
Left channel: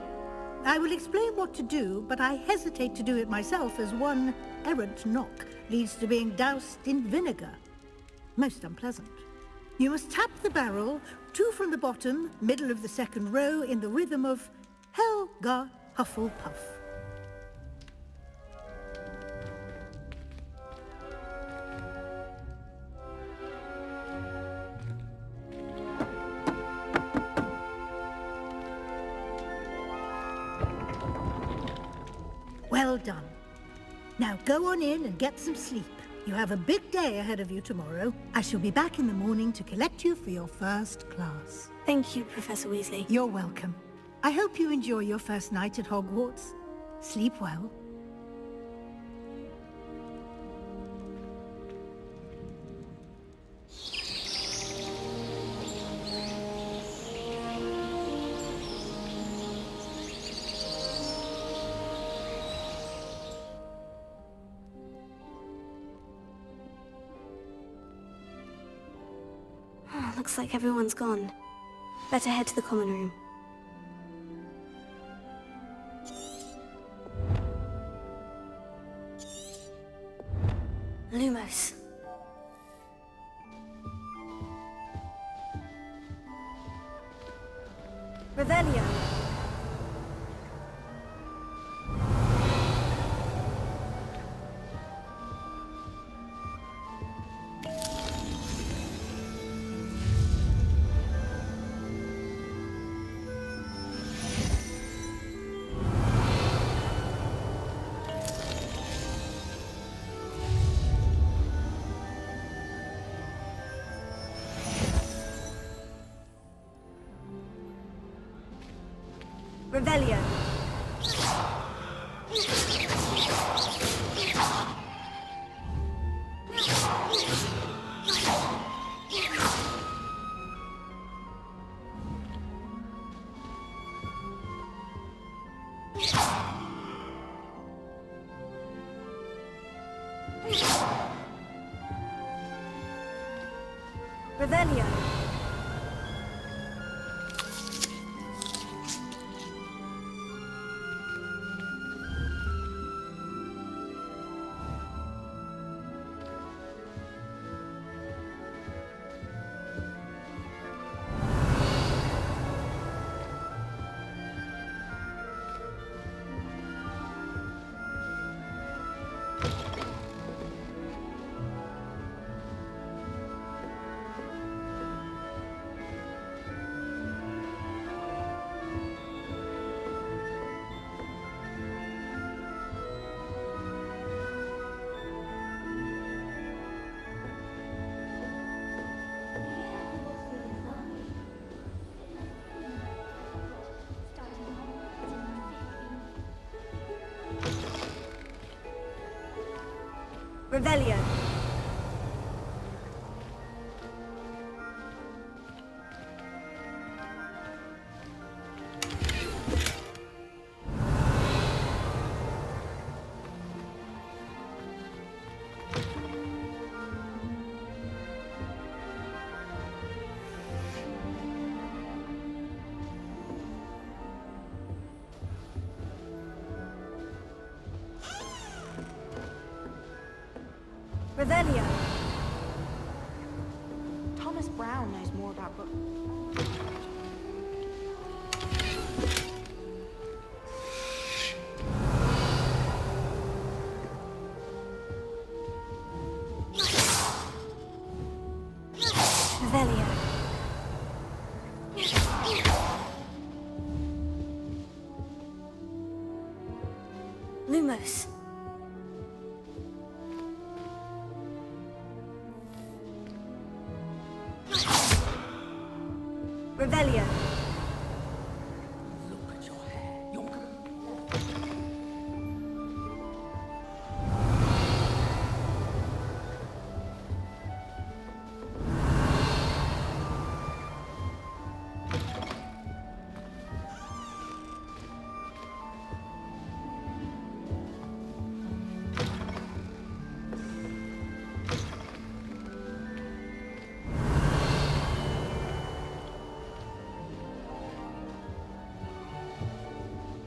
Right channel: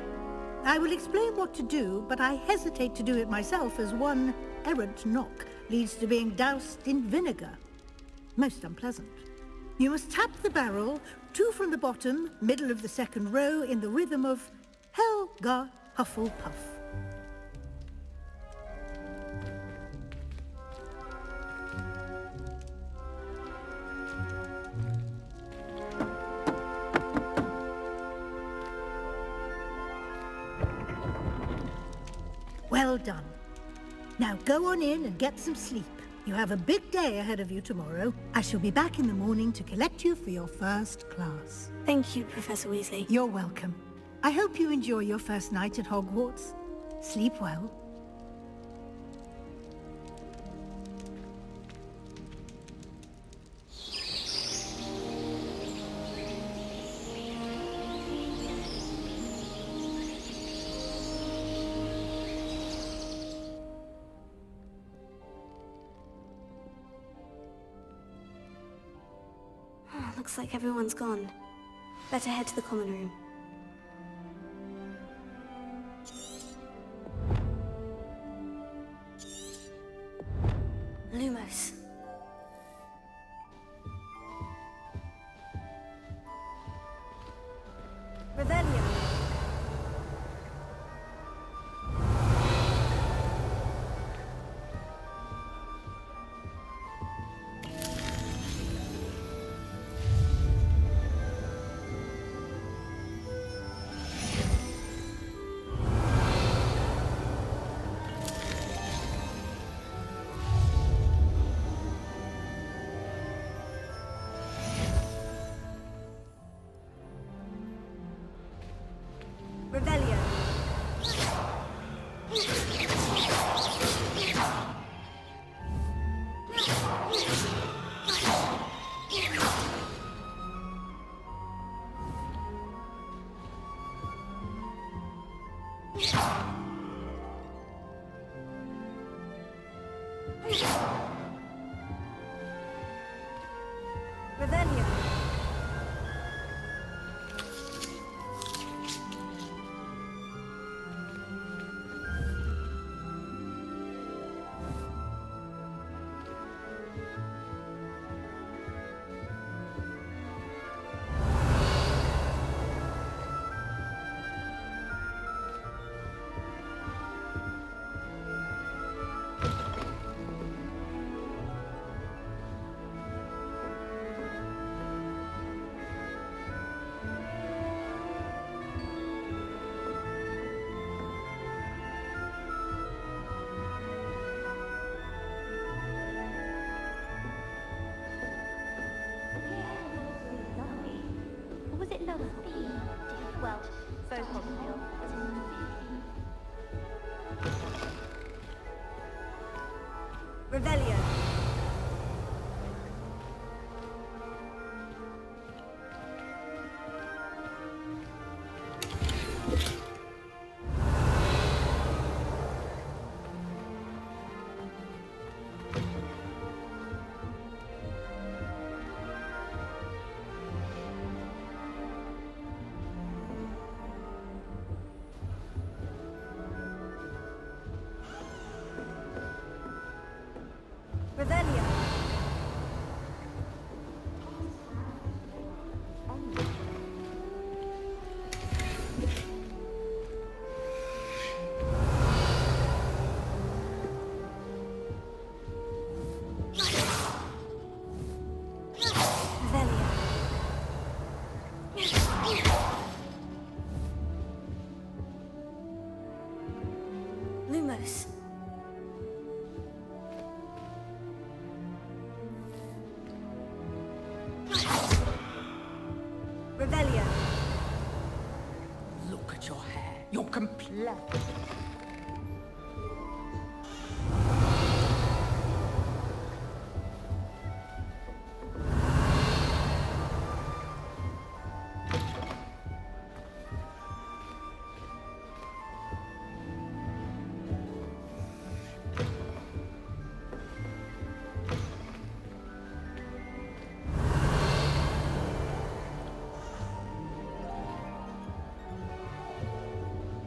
I will explain what to do, but I hesitate to do it myself as one errant knock leads to being doused in vinegar. Most unpleasant. You must tap the barrel, 2 from the bottom, middle of the second row, in the rhythm of Helga Hufflepuff. Well done. Now go on in and get some sleep. You have a big day ahead of you tomorrow. I shall be back in the morning to collect you for your first class. Thank you, Professor Weasley. You're welcome. I hope you enjoy your first night at Hogwarts. Sleep well. Looks like everyone's gone. Better head to the common room. Lumos. Revelio. Revelio. Revelio. Revelio. Revelio. Thomas Brown knows more about books than Frodo. Revelio. close. Revelio. Look at your hair. You're complete.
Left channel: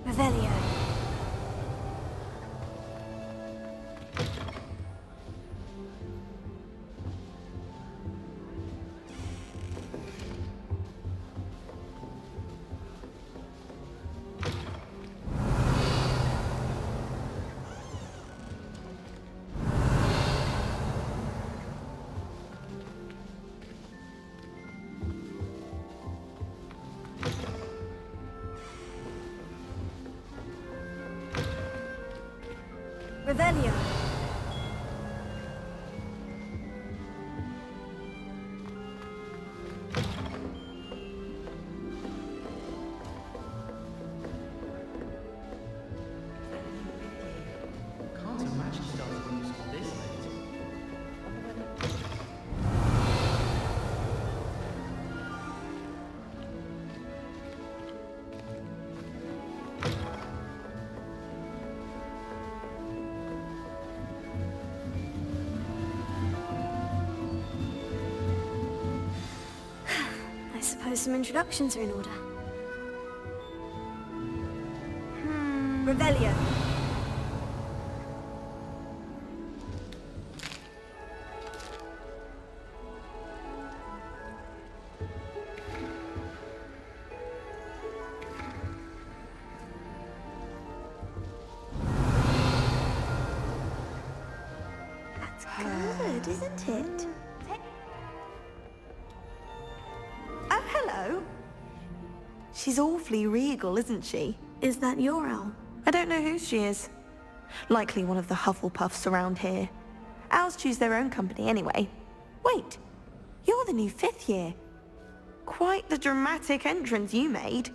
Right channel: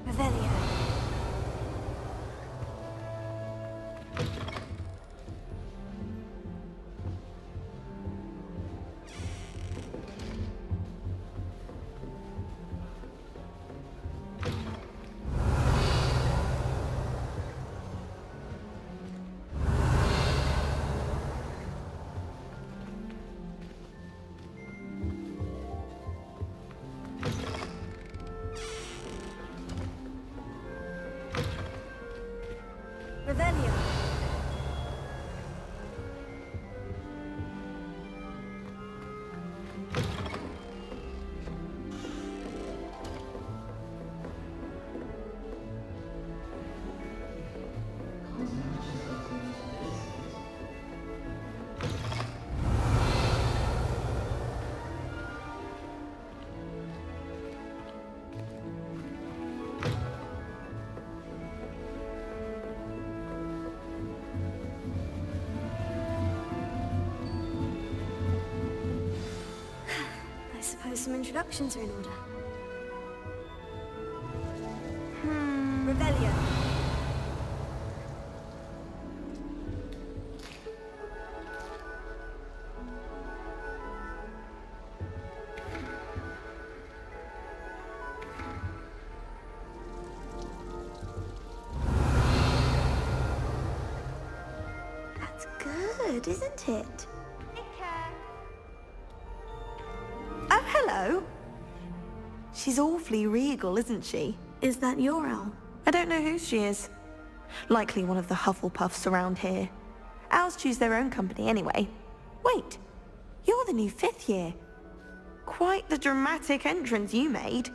Revelio. Revelio. I suppose some introductions are in order. Revelio. That's good, isn't it? Oh, hello. She's awfully regal, isn't she? Is that your owl? I don't know who she is. Likely one of the Hufflepuffs around here. Owls choose their own company anyway. Wait, you're the new 5th year. Quite the dramatic entrance you made.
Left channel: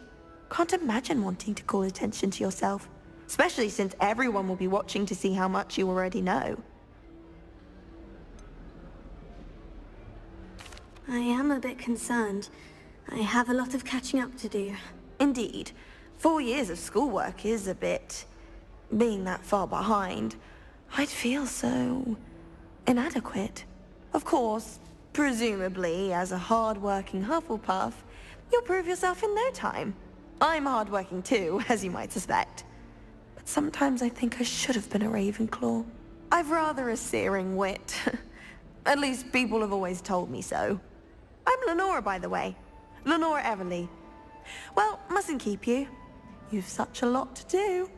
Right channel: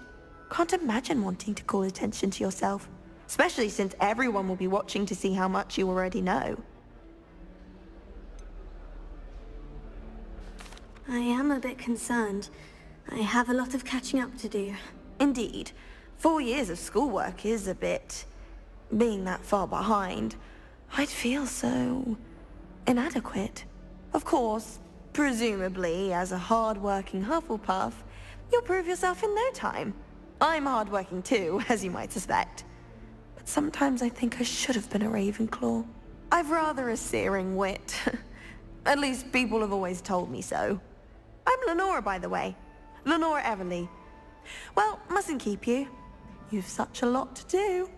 Can't imagine wanting to call attention to yourself, especially since everyone will be watching to see how much you already know. I am a bit concerned. I have a lot of catching up to do. Indeed. 4 years of schoolwork is a bit... being that far behind. I'd feel so... inadequate. Of course, presumably, as a hard-working Hufflepuff, you'll prove yourself in no time. I'm hard-working too, as you might suspect. But sometimes I think I should have been a Ravenclaw. I've rather a searing wit. At least people have always told me so. I'm Lenora, by the way. Lenora Everly. Well, mustn't keep you. You've such a lot to do.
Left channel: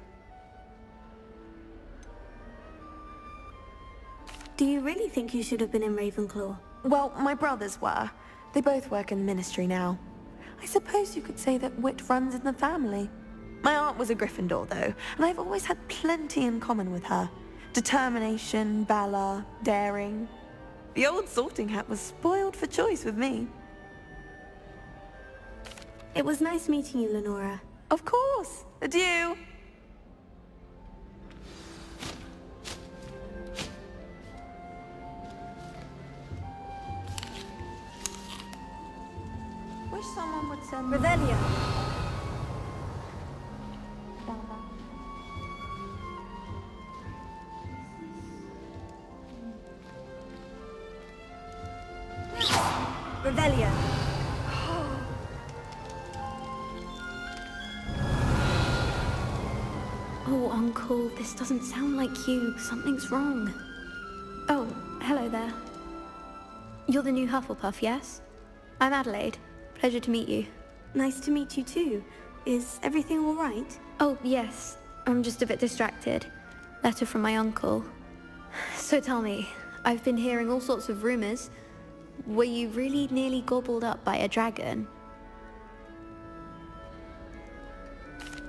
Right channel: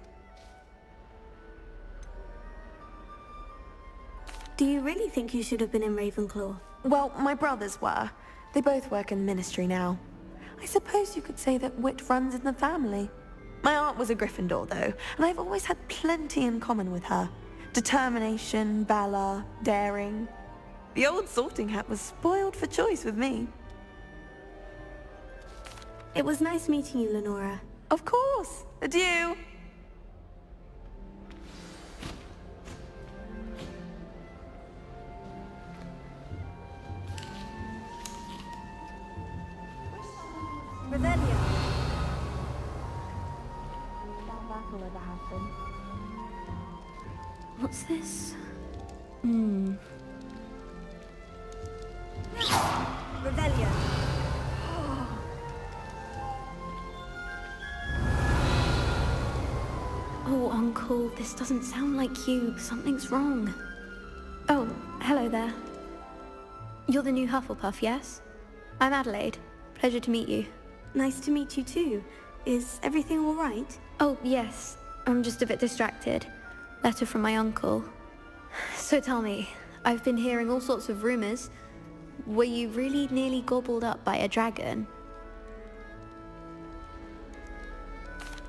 Do you really think you should have been in Ravenclaw? Well, my brothers were. They both work in the ministry now. I suppose you could say that wit runs in the family. My aunt was a Gryffindor, though, and I've always had plenty in common with her. Determination, valor, daring. The old sorting hat was spoiled for choice with me. It was nice meeting you, Lenora. Of course. Adieu. Wish someone would send Revelio. down back all over Hampton. What's this? Revelio. Oh, Uncle, this doesn't sound like you. Something's wrong. Oh, hello there. You're the new Hufflepuff, yes? I'm Adelaide. Pleasure to meet you. Nice to meet you too. Is everything all right? Oh, yes. I'm just a bit distracted. Letter from my uncle. So tell me, I've been hearing all sorts of rumors. Were you really nearly gobbled up by a dragon?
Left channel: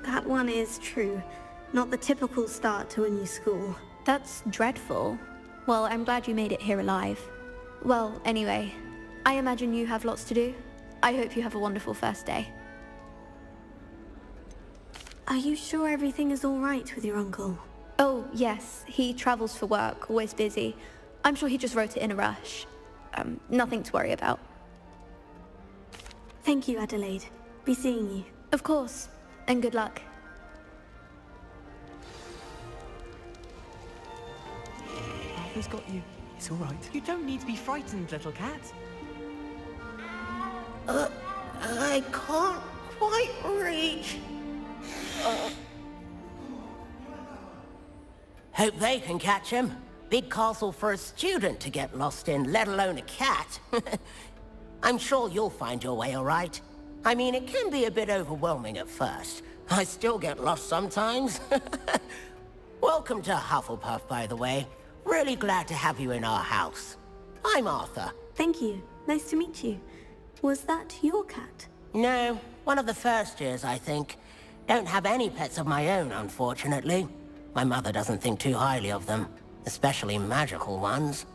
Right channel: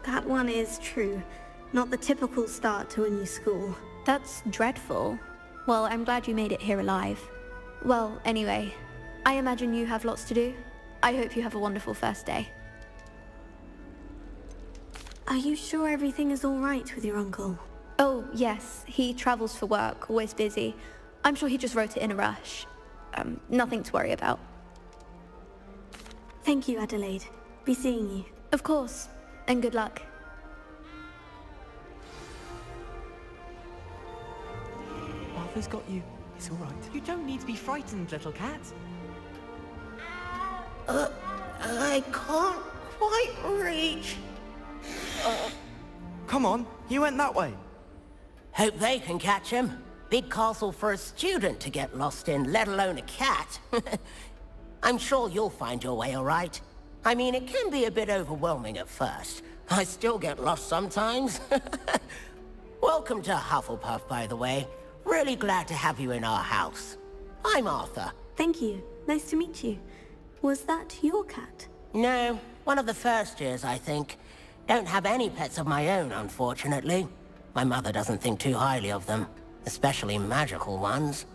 That one is true. Not the typical start to a new school. That's dreadful. Well, I'm glad you made it here alive. Well, anyway, I imagine you have lots to do. I hope you have a wonderful first day. Are you sure everything is all right with your uncle? Oh, yes. He travels for work, always busy. I'm sure he just wrote it in a rush. Nothing to worry about. Thank you, Adelaide. Be seeing you. Of course. And good luck. Arthur's got you. It's all right. You don't need to be frightened, little cat. I can't quite reach. Come on, you went that way. Hope they can catch him. Big castle for a student to get lost in, let alone a cat. I'm sure you'll find your way all right. I mean, it can be a bit overwhelming at first. I still get lost sometimes. Welcome to Hufflepuff, by the way. Really glad to have you in our house. I'm Arthur. Thank you. Nice to meet you. Was that your cat? No, one of the first years, I think. Don't have any pets of my own, unfortunately. My mother doesn't think too highly of them, especially magical ones.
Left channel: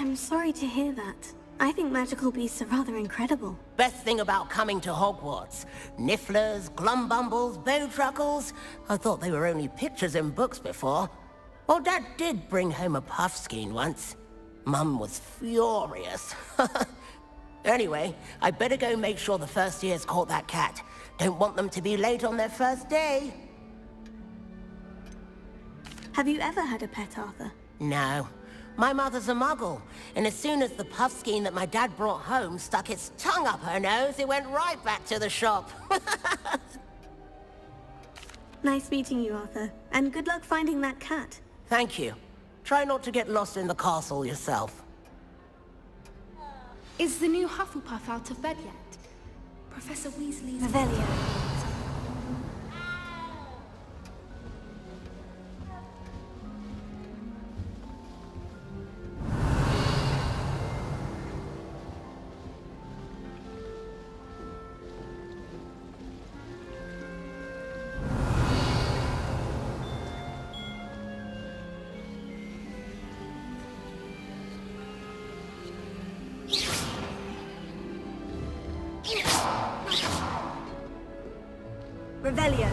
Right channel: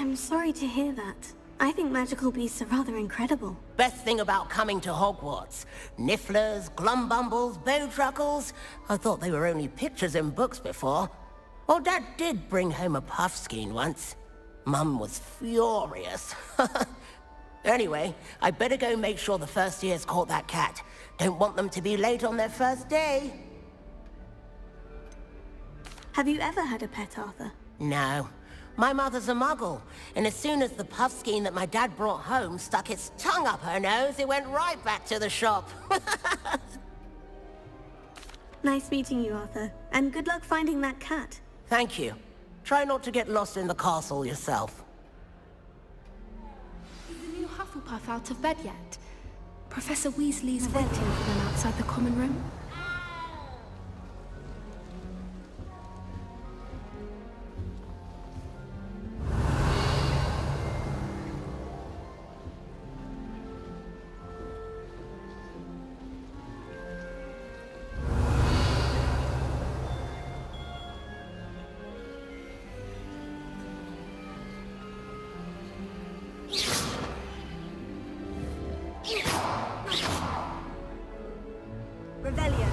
I'm sorry to hear that. I think magical beasts are rather incredible. Best thing about coming to Hogwarts. Nifflers, glumbumbles, bowtruckles. I thought they were only pictures in books before. Well, Dad did bring home a puffskein once. Mum was furious. Anyway, I better go make sure the first years caught that cat. Don't want them to be late on their first day. Have you ever had a pet, Arthur? No. My mother's a muggle, and as soon as the puffskein that my dad brought home stuck its tongue up her nose, it went right back to the shop. Nice meeting you, Arthur. And good luck finding that cat. Thank you. Try not to get lost in the castle yourself. Is the new Hufflepuff out of bed yet? Professor Weasley's Revelio. outside the common room. Revelio.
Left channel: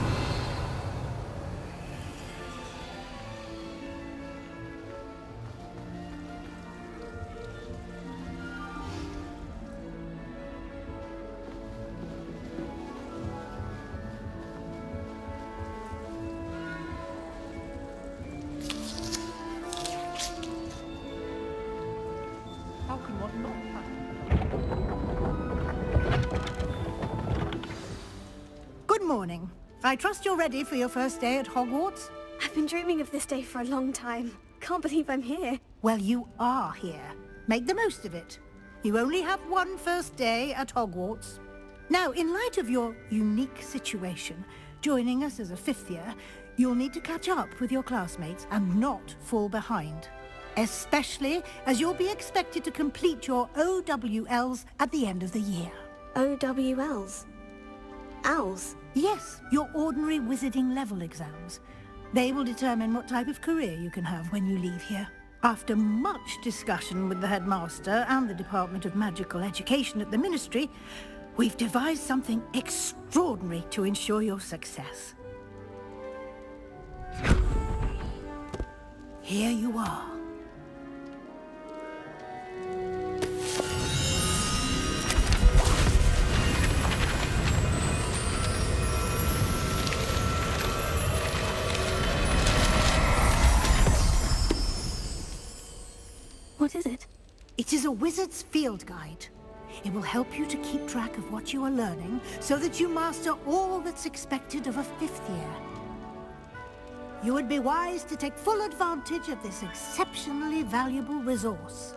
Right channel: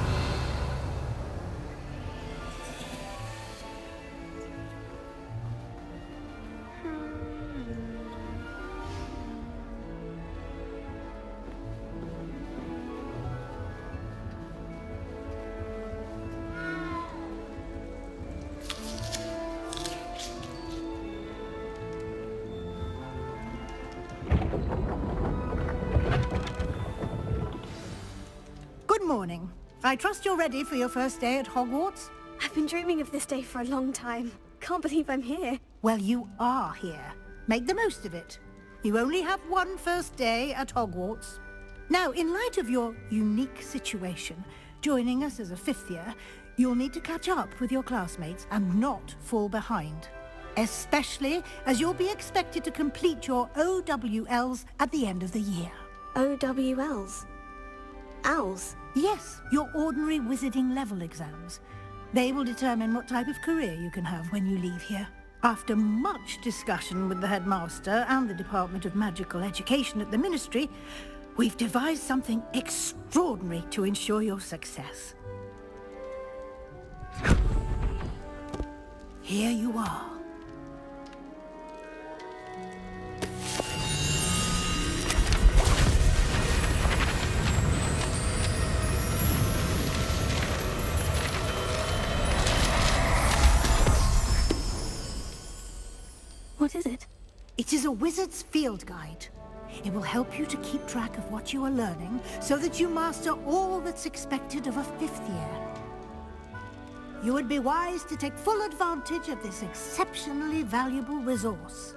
Good morning. I trust you're ready for your first day at Hogwarts? I've been dreaming of this day for a long time. Can't believe I'm here. Well, you are here. Make the most of it. You only have one first day at Hogwarts. Now, in light of your unique situation, joining us as a fifth year, you'll need to catch up with your classmates and not fall behind. Especially as you'll be expected to complete your OWLs at the end of the year. OWLs? Owls? Yes, your ordinary wizarding level exams. They will determine what type of career you can have when you leave here. After much discussion with the headmaster and the Department of Magical Education at the Ministry, we've devised something extraordinary to ensure your success. Here you are. What is it? It is a wizard's field guide. It will help you to keep track of what you are learning so that you master all that's expected of a fifth year. You would be wise to take full advantage of this exceptionally valuable resource.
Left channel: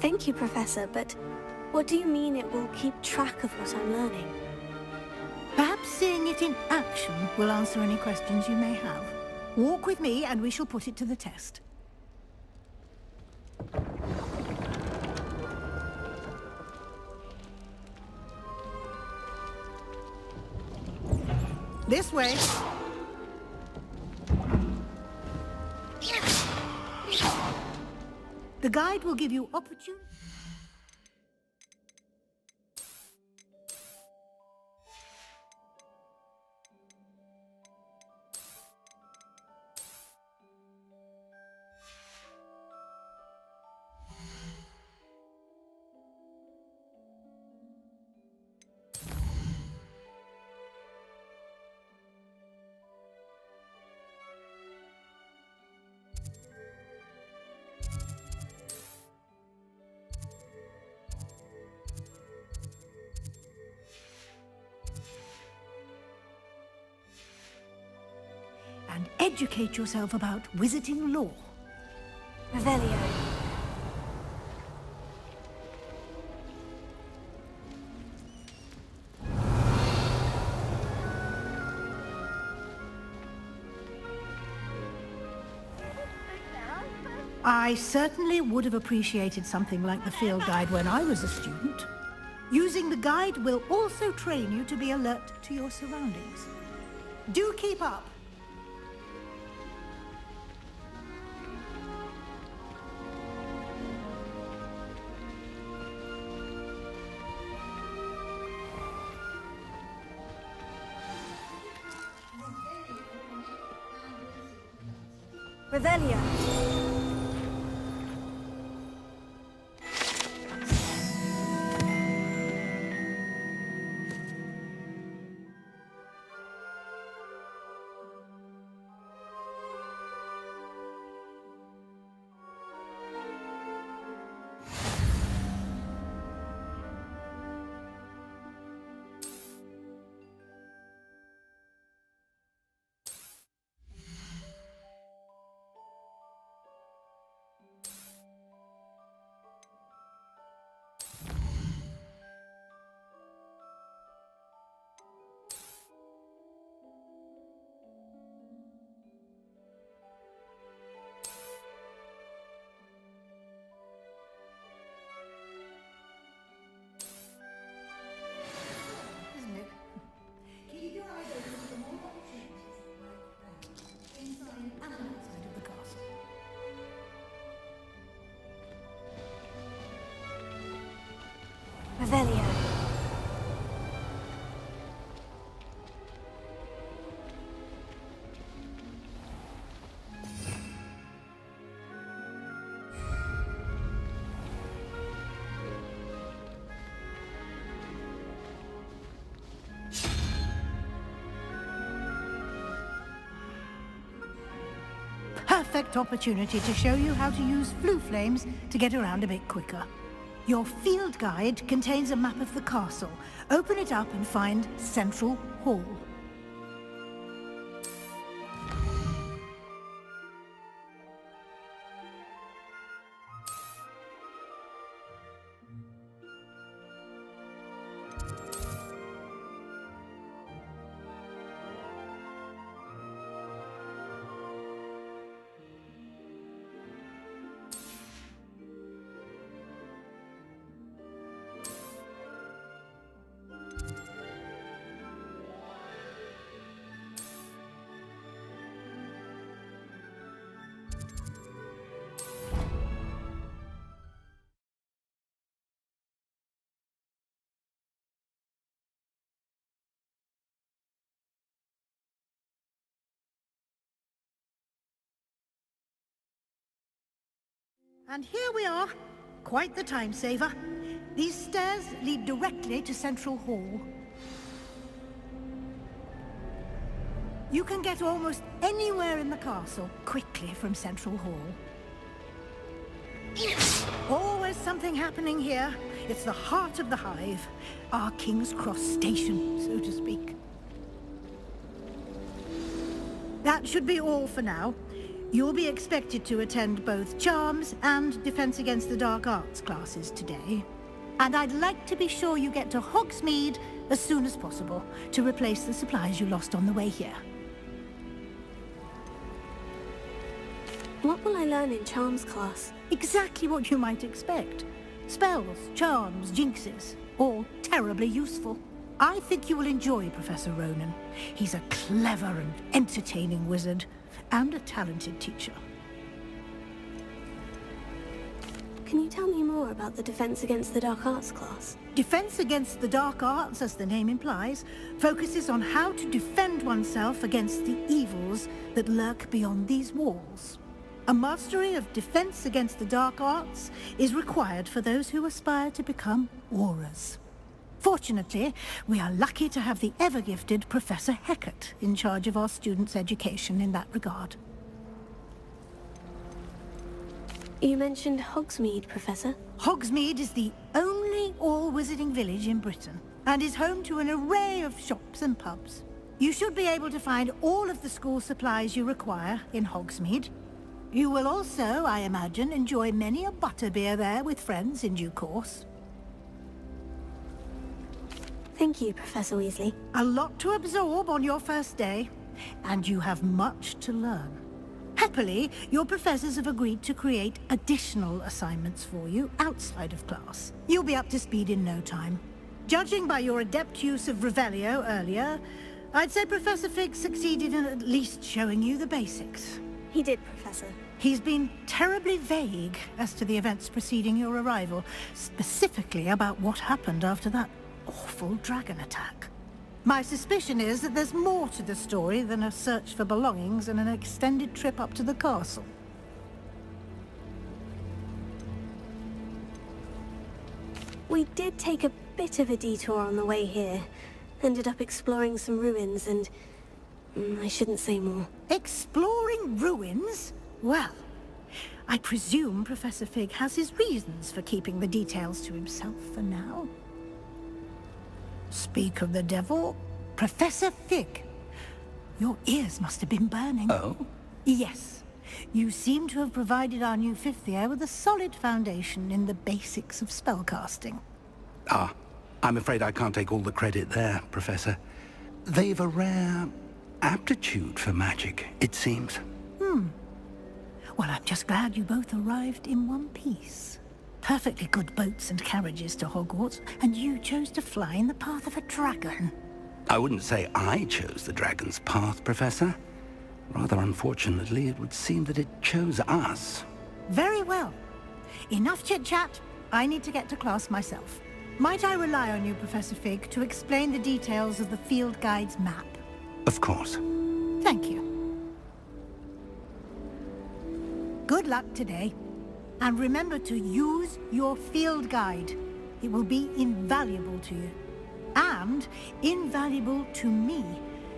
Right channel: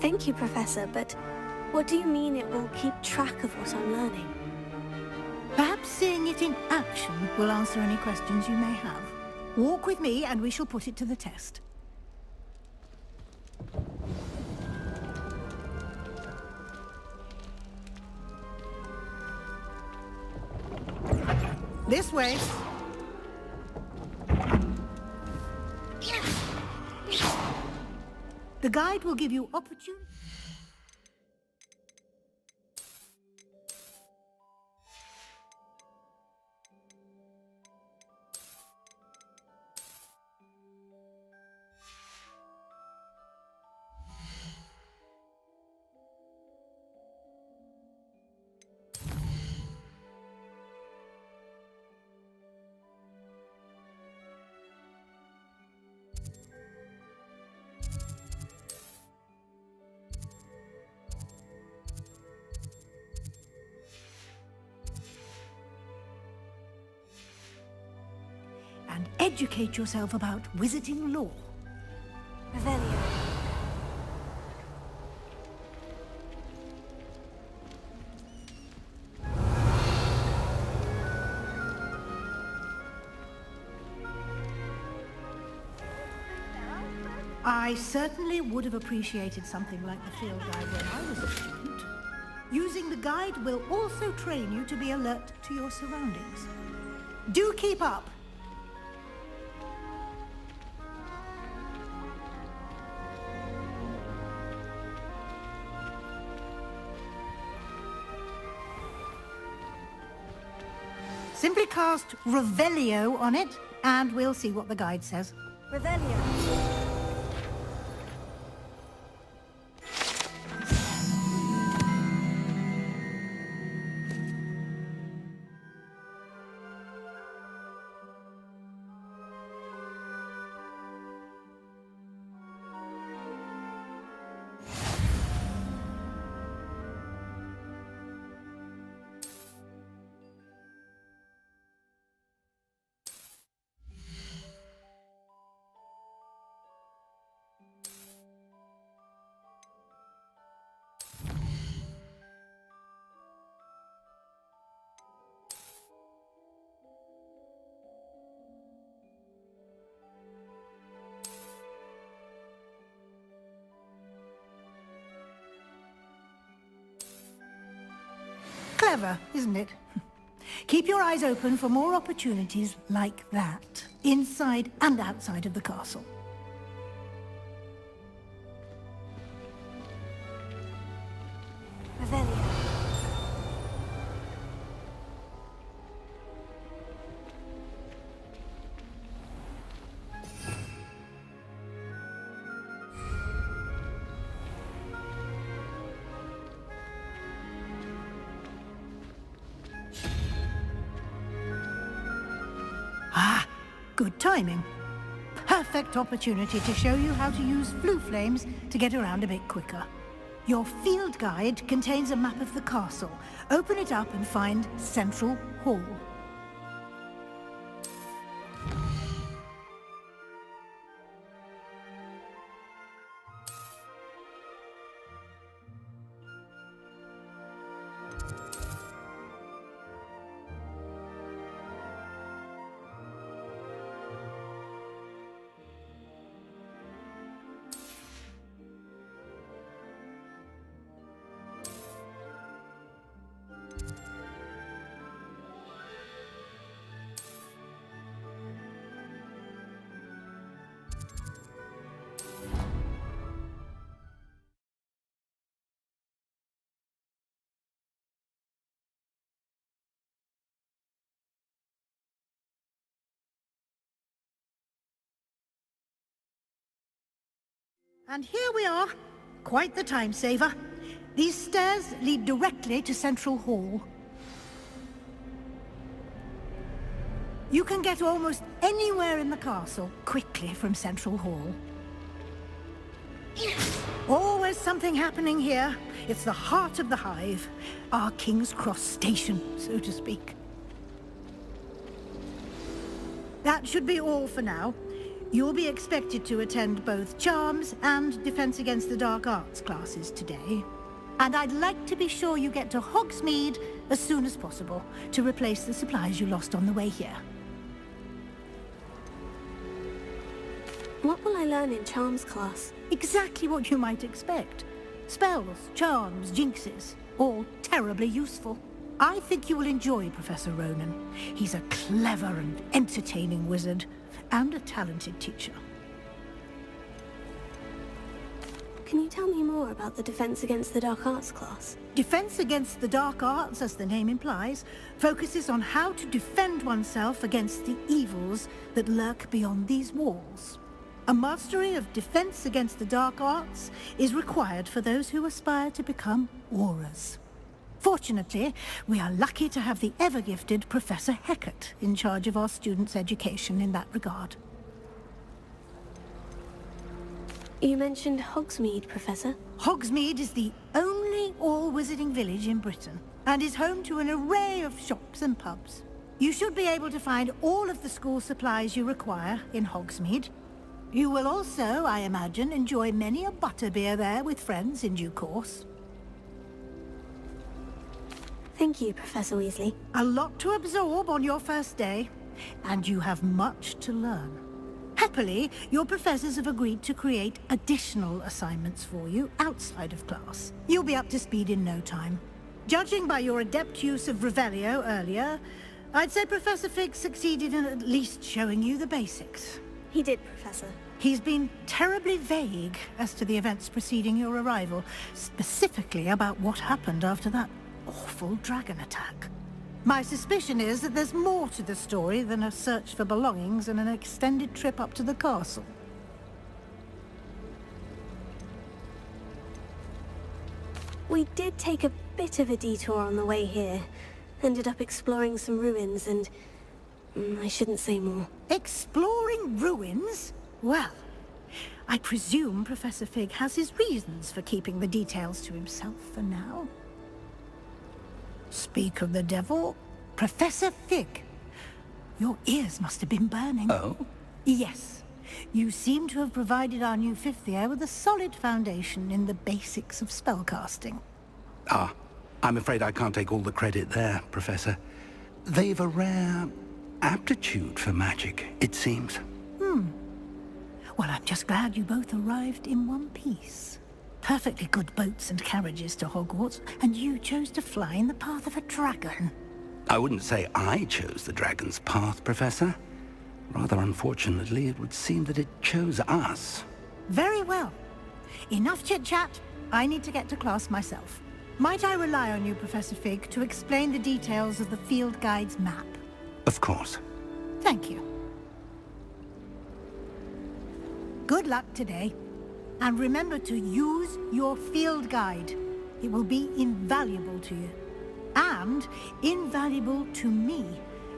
Thank you, Professor, but what do you mean it will keep track of what I'm learning? Perhaps seeing it in action will answer any questions you may have. Walk with me and we shall put it to the test. This way. The guide will give you opportunity. And educate yourself about wizarding law. Revelio. I certainly would have appreciated something like the field guide when I was a student. Using the guide will also train you to be alert to your surroundings. Do keep up! Simply cast Revelio on it, and we'll see what the guide says. Revelio. Clever, isn't it? Keep your eyes open for more opportunities like that, inside and outside of the castle. Revelio. Good timing. Perfect opportunity to show you how to use flue flames to get around a bit quicker. Your field guide contains a map of the castle. Open it up and find Central Hall. And here we are. Quite the time saver. These stairs lead directly to Central Hall. You can get almost anywhere in the castle quickly from Central Hall. Always something happening here. It's the heart of the hive. Our King's Cross station, so to speak. That should be all for now. You'll be expected to attend both Charms and Defense Against the Dark Arts classes today. And I'd like to be sure you get to Hogsmeade as soon as possible to replace the supplies you lost on the way here. What will I learn in Charms class? Exactly what you might expect. Spells, charms, jinxes, all terribly useful. I think you will enjoy Professor Ronan. He's a clever and entertaining wizard, and a talented teacher. Can you tell me more about the Defense Against the Dark Arts class? Defense Against the Dark Arts, as the name implies, focuses on how to defend oneself against the evils that lurk beyond these walls. A mastery of Defense Against the Dark Arts is required for those who aspire to become Aurors. Fortunately, we are lucky to have the ever-gifted Professor Hecat in charge of our students' education in that regard. You mentioned Hogsmeade, Professor. Hogsmeade is the only all-wizarding village in Britain, and is home to an array of shops and pubs. You should be able to find all of the school supplies you require in Hogsmeade. You will also, I imagine, enjoy many a butterbeer there with friends in due course. Thank you, Professor Weasley. A lot to absorb on your first day, and you have much to learn. Happily, your professors have agreed to create additional assignments for you outside of class. You'll be up to speed in no time. Judging by your adept use of Revelio earlier, I'd say Professor Fig succeeded in at least showing you the basics. He did, Professor. He's been terribly vague as to the events preceding your arrival, specifically about what happened after that awful dragon attack. My suspicion is that there's more to the story than a search for belongings and an extended trip up to the castle. We did take a bit of a detour on the way here. Ended up exploring some ruins and... I shouldn't say more. Exploring ruins? Well, I presume Professor Fig has his reasons for keeping the details to himself for now. Speak of the devil, Professor Fig. Your ears must have been burning. Oh? Yes. You seem to have provided our new fifth year with a solid foundation in the basics of spellcasting. Ah, I'm afraid I can't take all the credit there, Professor. They've a rare aptitude for magic, it seems. Well, I'm just glad you both arrived in one piece. Perfectly good boats and carriages to Hogwarts, and you chose to fly in the path of a dragon. I wouldn't say I chose the dragon's path, Professor. Rather unfortunately, it would seem that it chose us. Very well. Enough chit-chat. I need to get to class myself. Might I rely on you, Professor Fig, to explain the details of the field guide's map? Of course. Thank you. Good luck today. And remember to use your field guide. It will be invaluable to you. And invaluable to me,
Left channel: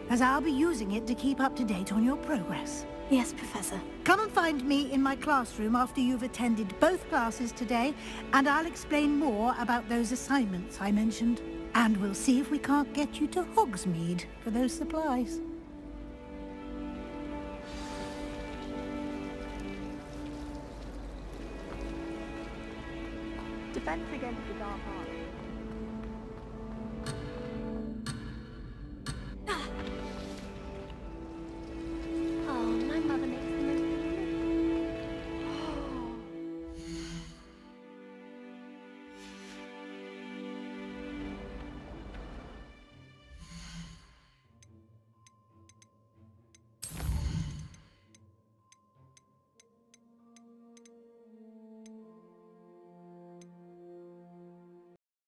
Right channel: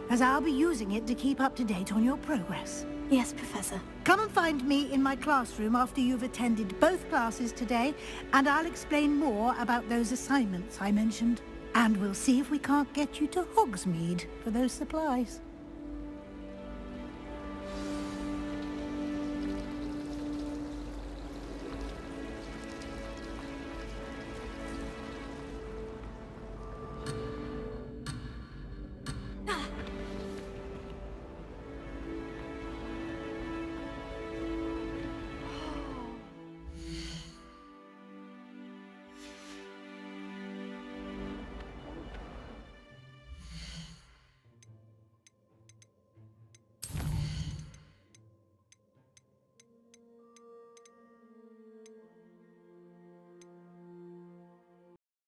as I'll be using it to keep up to date on your progress. Yes, Professor. Come and find me in my classroom after you've attended both classes today, and I'll explain more about those assignments I mentioned. And we'll see if we can't get you to Hogsmeade for those supplies.